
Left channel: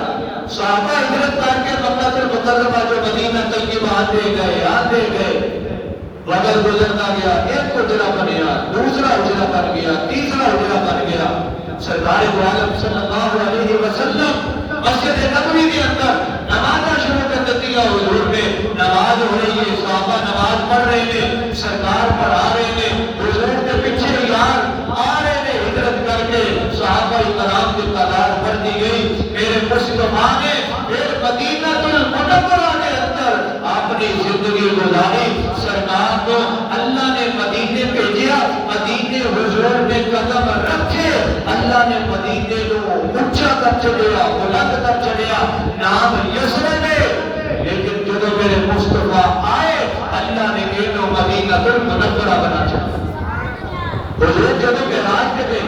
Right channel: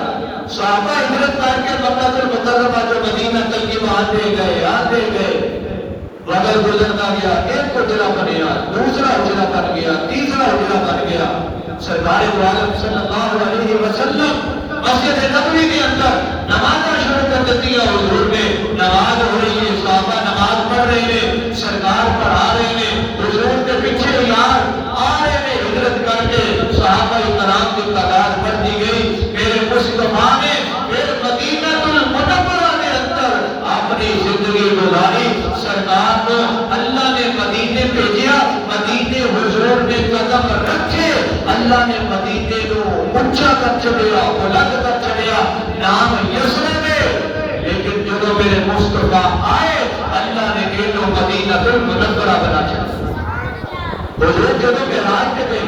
صحابہ ہجرت کر کے مکہ المکرمہ جو مدینہ طیبہ آتے گئے. وقت گزرتا گیا، ایک حجرہ بنیا، دوسرا حجرہ بن گیا، تیسرا حجرہ بن گیا. سرکار دو عالم صلی اللہ علیہ وسلم مسجد نبوی کے اندر نماز شروع کر دیتی ہے. حضور میں نماز ہو رہی ہے، صحابہ نماز پڑھ رہے ہیں، سرکار پڑھا رہے ہیں، حضور کے پیچھے یار آ رہے ہیں. ہجرت کر کے صحابہ کرام کی تعداد بڑھ دی گئی. میرے مصطفیٰ نے پھر مدینہ المنورہ کے اندر اپنی زندگی گزاری. سرکار کو اللہ نے مدینے بھیجا، مدینے حضور نے قدم رکھے، اللہ نے مدینے کو اونچا کر چلیا، بلند کر چلیا. نام یسرب ہے، لیکن جب میرے مصطفیٰ آئے اللہ نے انہوں مدینہ المنورہ بنا چلا. حضور جب معراج پہ گئے،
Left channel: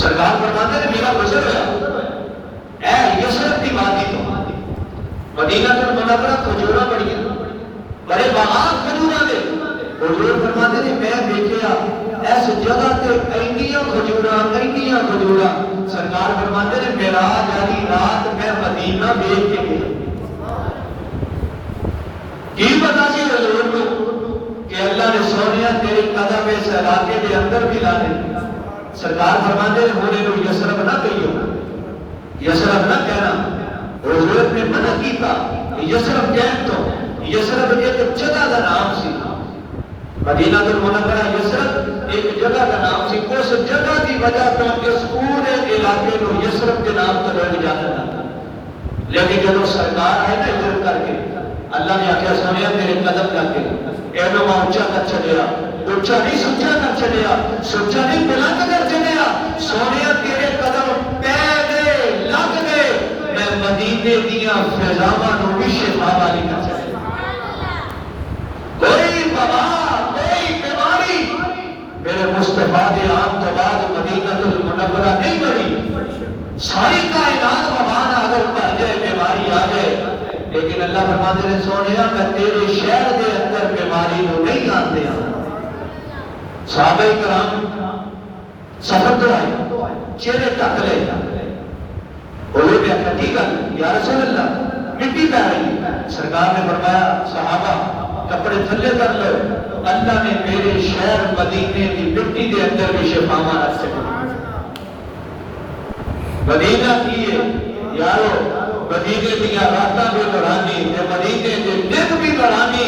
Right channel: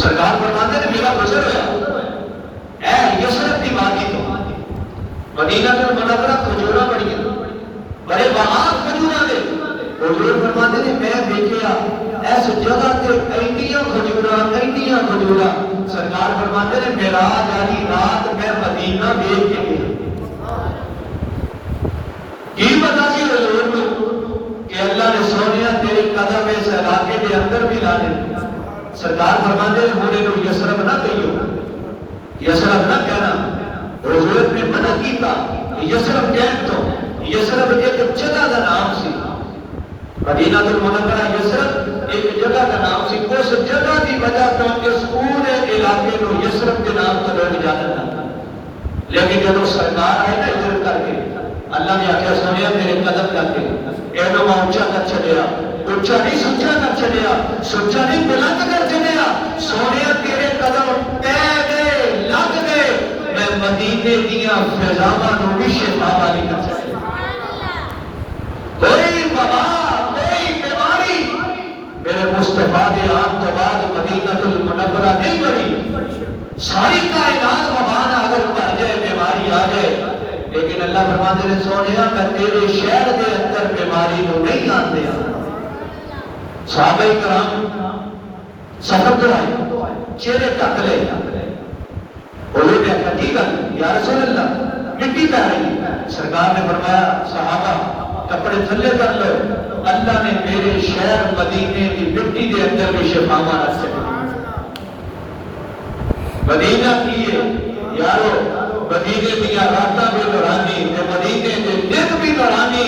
سرکار فرماتے ہیں میرا گزر ہے اے یسرب کی وادی تو مدینہ المنورہ کھجورا پڑی بڑے باہر کھجورا دے. حضور فرماتے ہیں میں دیکھیا ایس جگہ تے اینیاں کھجورا. سرکار فرماتے ہیں معراج والی رات میں مدینہ دیکھ کے گیا. کی بتا سی حضور کو کہ اللہ نے سونیا تیرے قدم اس علاقے کے اندر بھی لا دے. سرکار فرماتے ہیں ہونے کو یسرب نہ کہیو، یسرب نہ کہنا. حضور نے منع کیتا یسرب کہن تو. یسرب ایک جگہ کا نام سی، مدینہ المنورہ یسرب ایک جگہ کا نام سی. اس جگہ کی وجہ تو اس پورے علاقے کو یسرب کے نام سے لوگ جانا تھا. لیکن جب وہ سرکار ہے نا ہجرت کر کے اللہ نے آخیا سونیا میرے قدم جاتے ایڈو اونچا کر چلیا، اونچا نہیں سچا کر چلیا، سچا نہیں بلند کر چلیا. سونیا تیرے قدم پہ گئے لگ گئے، میں مدینے دیا فضاواں نو بھی شفا داری کر چلیا. کوئی وبا کوئی بیماری میرے مصطفیٰ کے آپ کے بعد مدینہ المنورہ نہیں بڑھی. ساری کائنات وبا نہ اگر پڑ جائے بیماری آ جائے، لیکن اللہ فرماتے ہیں سونیا میں تیرے شہر کے اندر بیماری کو نہیں آتے. صحابہ کرام سفر تو آئے چہرے ٹک لے. بولے میں حقیقت یا رسول اللہ مٹی پہ رہی. سرکار نے فرمایا صحابہ کپڑے تھلے کر لے، اللہ نے میرے شہر مدینے کی مٹی کے اندر بھی شفا رکھ سکے. مدینہ کیے یارو، مدینے دیا راتاں بھی دورانی، مدینے کے دن بھی دورانی،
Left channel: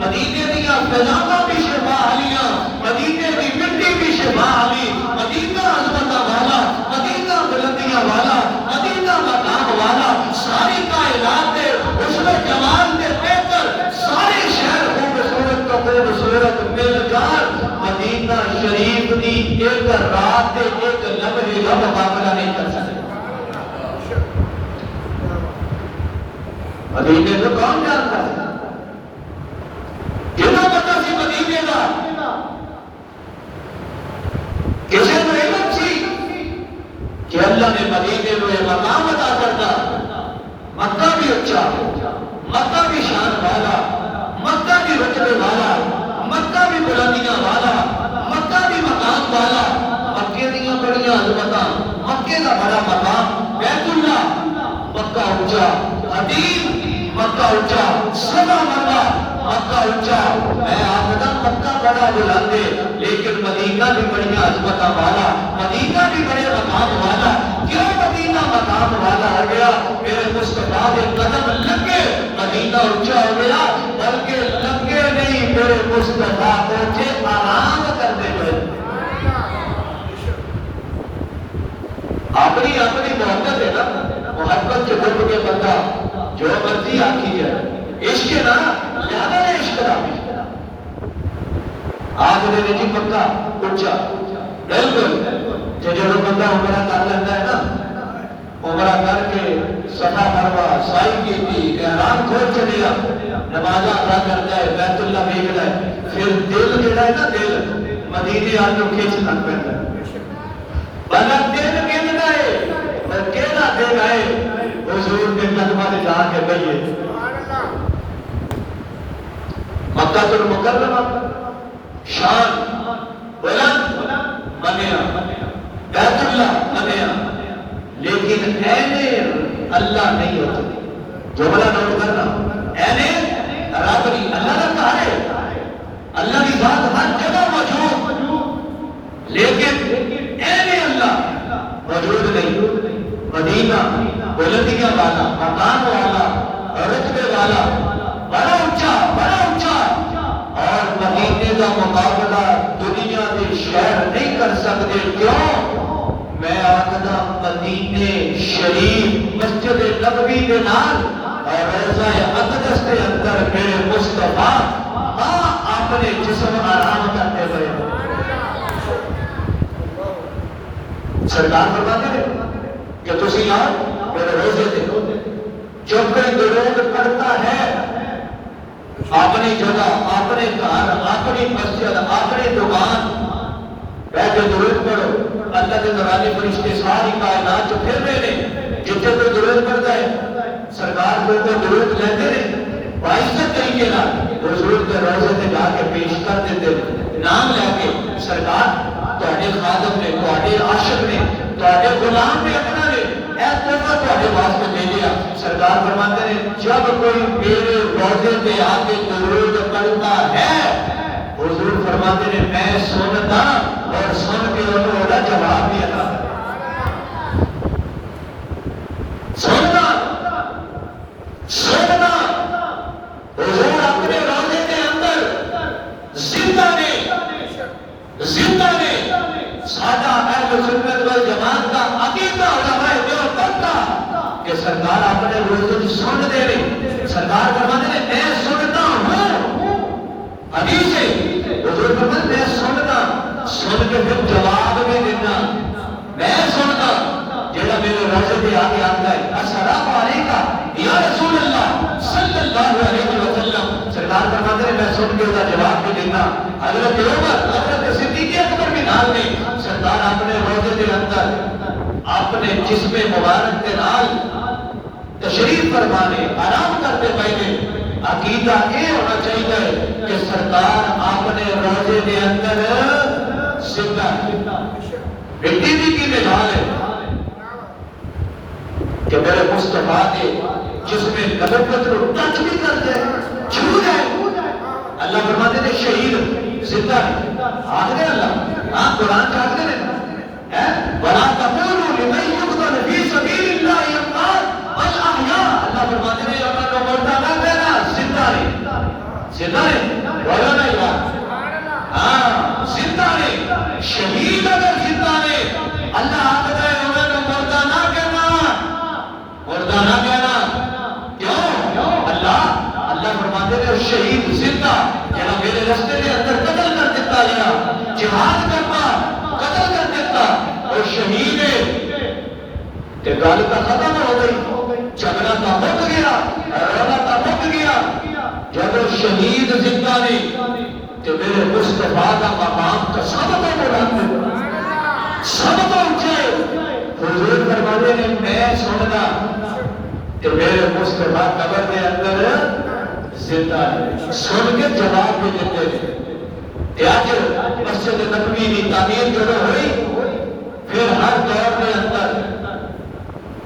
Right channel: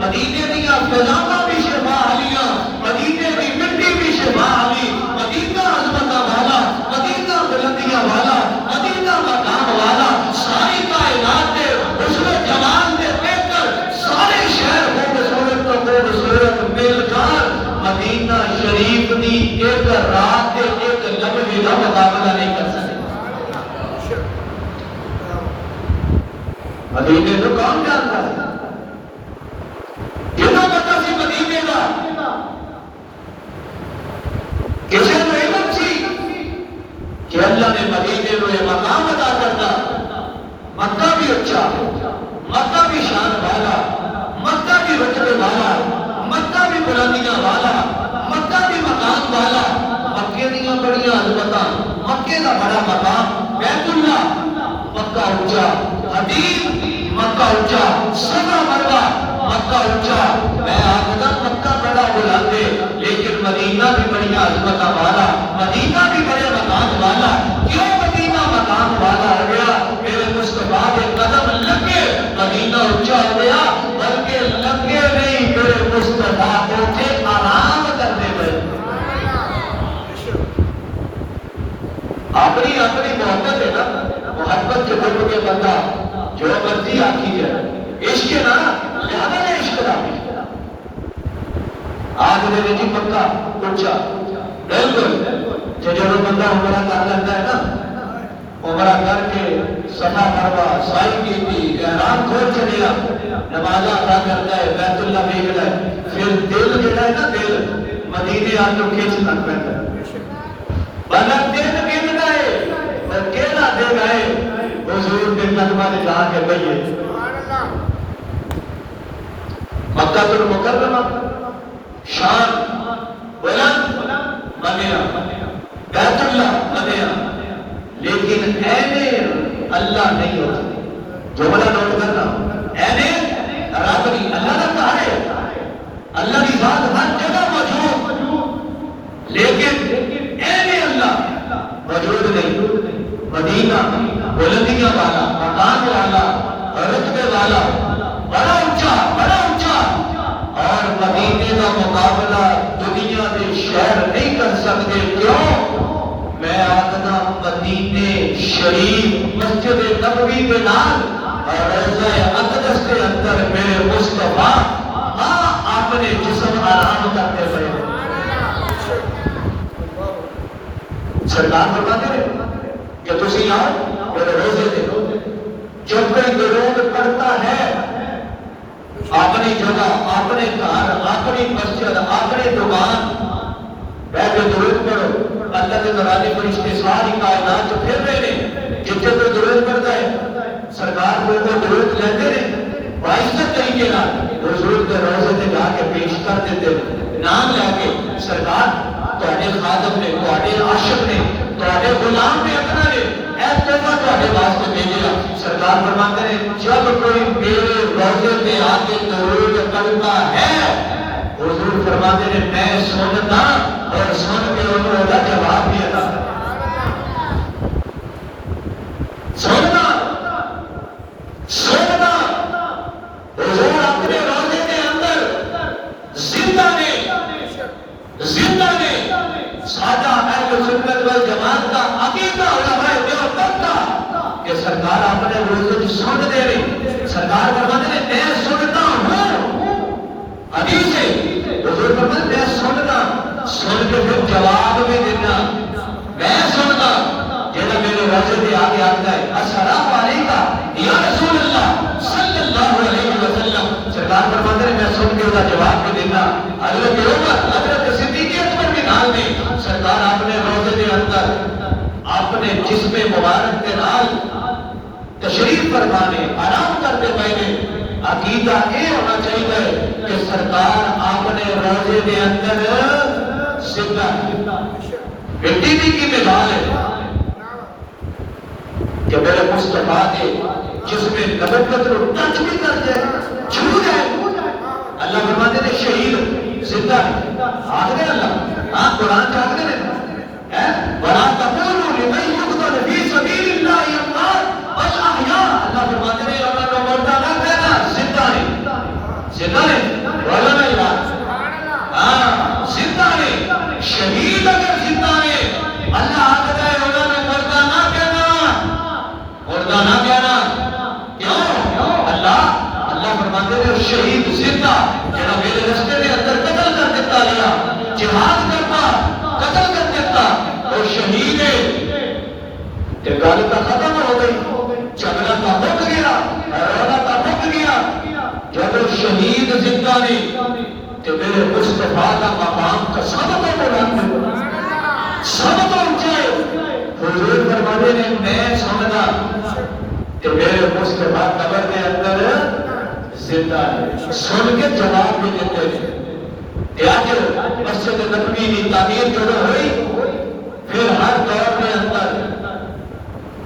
مدینے دیا فضاواں بھی شفا حلیاں، مدینے کی مٹی بھی شفا حلی. مدینہ عظمت والا، مدینہ بلندیاں والا، مدینہ مقام والا، ساری کائنات دے حسن و جمال دے دیکھ کر سارے شہر خوبصورت تو خوبصورت مل جان مدینہ شریف دی ایک رات دے ایک لمحے کا مقابلہ نہیں کر سکتے. مدینے کو کون جانتا ہے؟ کتنا پتہ سی مدینے کا؟ کسے علم سی کہ اللہ نے مدینے کو ایک مقام عطا کرنا. مکہ بھی اچھا، مکہ بھی شان والا، مکہ بھی رتبے والا، مکہ بھی بلندیاں والا، مکہ بھی مقام والا. مکے دیاں بڑیاں عظمتاں، مکے کا بڑا مقام بیت اللہ، مکہ اونچا، حدیث مکہ اونچا، سبا مروا مکہ اونچا. میں آخدا مکہ بڑا بلند ہے، لیکن مدینہ بھی بڑی عظمت والا، مدینہ بھی بڑے مقام والا. کیوں مدینہ مقام والا ہو گیا؟ میرے مصطفیٰ کے قدم لگے مدینہ اونچا ہو گیا. بلکہ لگے نہیں، میرے مصطفیٰ پہنچے آرام کرنے پہ. اپنی اپنی محبت ہے نا، محبت جو کے بندہ جو مرضی آتی ہے عشق نا زیادہ ہے. عشق رابی آج میرے جی بندہ اونچا بالکل جو بندہ عمرہ کر لیتا ہے نا، عمرہ کر کے صفا مروا سائی کی تھی احرام کھول چلے گا، نماز ادا کرتا ہے، بیت اللہ بھیجتا ہے، پھر دل جو ہے نا دل مدینے آ کے کھینچ کر پڑتا ہے. بلند دن گن گئے اور کیلا دن آئے حضور کے قدمہ نے جا کے گئے مکہ المکرمہ شان بلند بنیا بیت اللہ بنیا لیکن اینے اللہ نہیں ہوتا جملہ نوٹ کرنا اینے رابری اللہ نہ کہا ہے اللہ کی ذات ہر جگہ موجود لیکن اینے اللہ موجود نہیں مدینہ بلندیاں والا مکان والا رتبے والا بڑا اونچا اور مدینے کا مقابلہ دنیا کے شہر نہیں کر سکتے کیوں میں آخنا مدینے شریف مسجد نبوی کے نام اور روضہ اقدس کے اندر میرے مصطفیٰ اپنے جسم آرام کرتے ہوئے سرکار فرماتے ہیں کہ تسی آؤ میرے روزے دیکھو جب کوئی درود پڑھتا ہے اپنی جگہ اپنے گھر اپنی مسجد اپنے دکان بیٹھ کے درود پڑھو اللہ کے مرانے فرشتے ساری کائنات پھر رہے ہیں جتنے کوئی درود پڑھتا ہے سرکار کو درود لیتے ہیں باعزت طریقے کا حضور کے روزے سے جا کے پیش کر دیتے نام لے کے سرکار تواڈے خادم نے تواڈے عاشق نے تواڈے غلام نے اتنا نے اے تحفہ تواڈے واسطے بھیجا سرکار فرماتے ہیں جب کوئی میرے روزے پہ آ کے درود پڑھتا ہے حضور فرماتے ہیں میں سنتا اور سن کے انہوں نے جواب دیا تھا سننا حضور اپنے روزے کے اندر زندہ نے سادہ اہل سنت والجماعت کا عقیدہ علماء دیوبند کا کہ سرکار اپنے روزے کی سن دے رہے سرکار فرماتے ہیں میں سنتا ہوں حدیث ہے حضور فرماتے ہیں میں سننا سن کے پھر جواب بھی دینا میں سننا جیسا میرے روزے پہ آگے آتا ہے السلام علیکم یا رسول اللہ صلی اللہ علیہ وسلم سرکار فرماتے ہیں میں سن کے اس کا جواب بھی دینا حضرت عمر حضرت صدیق اکبر کے نام میں سرکار اپنے روزے کے اندر اپنے جسم مبارک کے نال تشریف فرمانے آرام کرتے پہلے عقیدہ یہ ہونا چاہیے کہ سرکار اپنے روزے کے اندر زندہ مٹی کی مثال ہے کہ میرے مصطفیٰ کے جسم قدم پتر ٹچ بھی کرتے چھو جائے اللہ فرماتے ہیں شہید زندہ ہے آخر اللہ قرآن چاہتے ہیں وَلَا تَقُولُوا لِمَنْ يُقْتَلُ فِي سَبِيلِ اللَّهِ أَمْوَاتٌ بَلْ أَحْيَاءٌ اللہ فرماتے ہیں اللہ کو مردہ نہ کہنا زندہ ہے بولا نہیں بات زندہ ہے شہید اگر زندہ ہے اللہ آتا ہے اللہ نے مردہ نہ کہنا کیوں اللہ فرماتے ہیں شہید زندہ جنہاں میرے رستے کے اندر قتل کر دیتا گیا جہاد کرتا قتل کر دیتا اور شہید ہے کہ غالبہ ختم ہو گئی جھگڑا کا مک گیا رونا کا مک گیا جب شہید زندہ نہیں کہ میرے مصطفیٰ کا مقام کا سب کو بلند ہے سب کو اونچائے حضور فرماتے ہیں میں سننا کہ میرے مصطفیٰ قبر کے اندر زندہ ہے سن کے جواب بھی دیتے ہیں آج مسجد نبوی کی تعمیر جو ہوئی پھر ہر دور کے اندر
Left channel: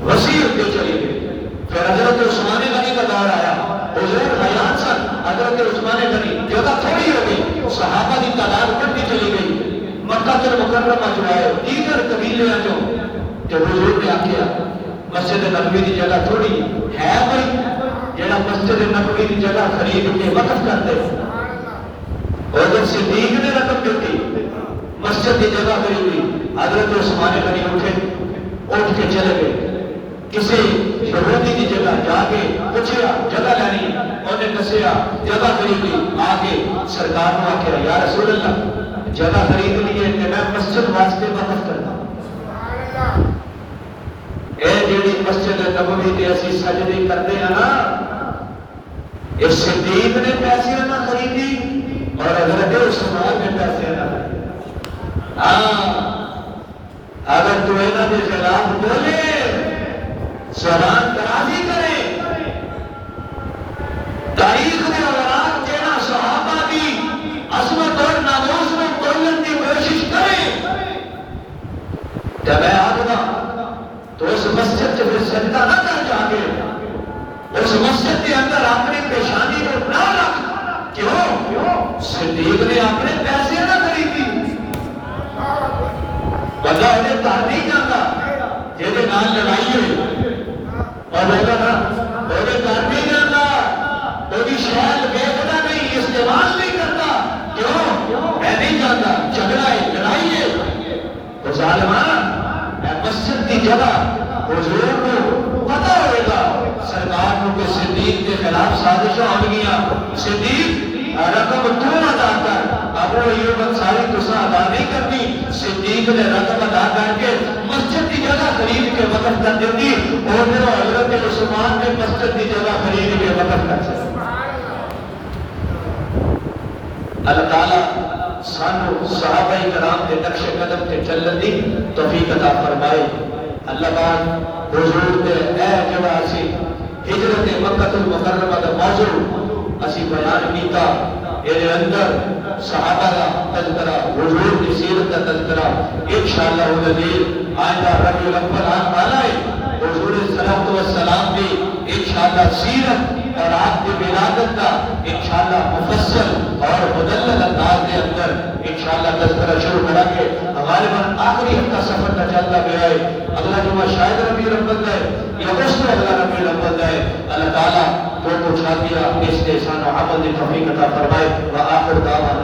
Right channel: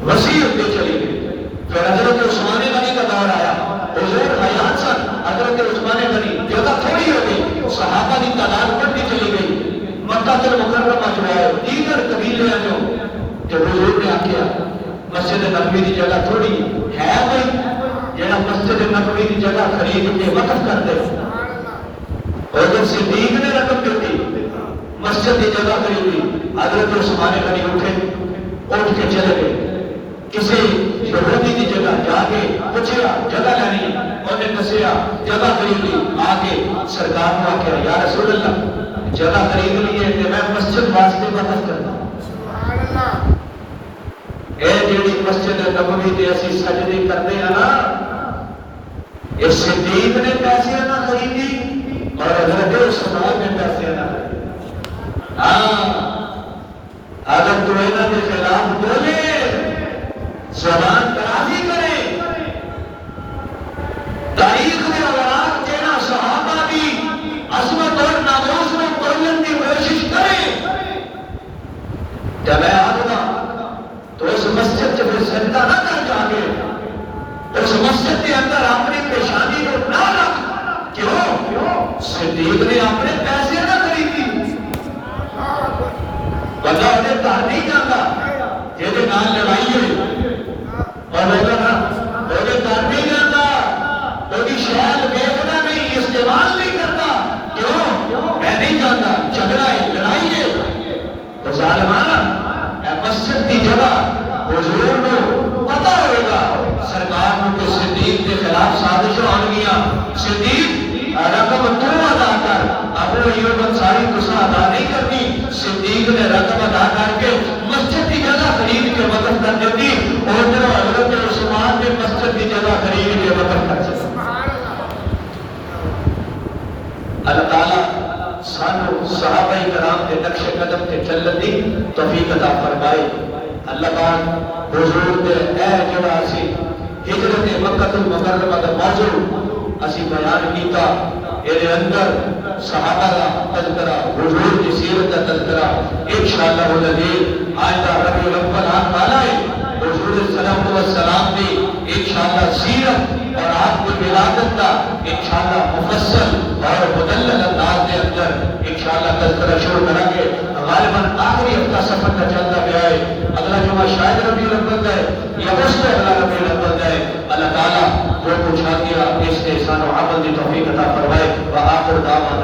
وسیع ہوتی چلی گئی پھر حضرت عثمان غنی کا دور آیا حضور حیات سن حضرت عثمان غنی جگہ تھوڑی ہو گئی صحابہ کی تعداد بڑھتی چلی گئی مکہ المکرمہ جو ہے دیگر قبیلے ہیں جو حضور نے آخیا مسجد نبوی کی جگہ تھوڑی ہے کوئی جڑا مسجد نبوی کی جگہ خرید کے وقف کرتے اور جب صدیق نے رقم دیتی مسجد کی جگہ خریدی حضرت عثمان غنی اٹھ کے چلے گئے کسی یہودی کی جگہ جا کے پوچھا جگہ لینی انہیں دسیا جگہ خریدی آگے سرکار کو آخیا یا رسول اللہ جگہ خرید لی ہے کہ میں مسجد واسطے وقف کرتا اے جیڑی مسجد نبوی تے اسی سجدے کرتے ہیں نا یہ صدیق نے پیسے نہ خریدی اور حضرت عثمان نے پیسے نہ خریدی اگر اگر کوئی نہ کے خلاف بولے زبان درازی کرے تاریخ میں اوراق دینا صحابہ کی عظمت اور ناموس میں تولنے کی کوشش کرے جب میں آدھا تو اس مسجد سے پھر سجدہ نہ کر جاگے اس مسجد کے اندر اپنی پیشانی کو نہ رکھ کیوں صدیق نے اپنے پیسے نہ خریدی بندہ انہیں کہا نہیں جاتا جیسے نام لگائیے اور وہ کہا نہیں جاتا کوئی شہر بیچنا نہیں استعمال نہیں کرتا کیوں میں نہیں جانتا جھگڑا لڑائیے تو ظالمانہ مسجد کی جگہ حضور کو پتا ہوگا سرکار کو کہ صدیق کے خلاف سازشوں آ گیا صدیق رقم تو ادا کر ابو ایوب انصاری تسا ادا نہیں کرتی صدیق نے رقم ادا کر کے مسجد کی جگہ خرید کے وقف کر دیتی اور پھر حضرت عثمان نے مسجد کی جگہ خرید کے وقف کر دیتی اللہ تعالیٰ سانو صحابہ کرام کے نقش قدم کے چلنے دی توفیق عطا فرمائے اللہ پاک حضور دے اے جڑا اسی ہجرت مکہ المکرمہ دا موضوع اسی بیان کیتا اے اندر صحابہ کا تذکرہ حضور کی سیرت کا تذکرہ انشاءاللہ العزیز آئندہ ربیع الاول آنے حضور صلی اللہ علیہ وسلم کی انشاءاللہ سیرت اور آپ کی ولادت کا انشاءاللہ مفصل اور مدلل انداز کے اندر انشاءاللہ تذکرہ شروع کریں گے ہمارے من آخری ہفتہ سفر کا چلتا گیا ہے اگلا جمعہ شاید ربیع الاول ہے یا اگست میں اگلا ربیع الاول ہے اللہ تعالیٰ جو کچھ آ دیا اس کے احسان و عمل کی توفیق عطا فرمائے وآخر دعوانا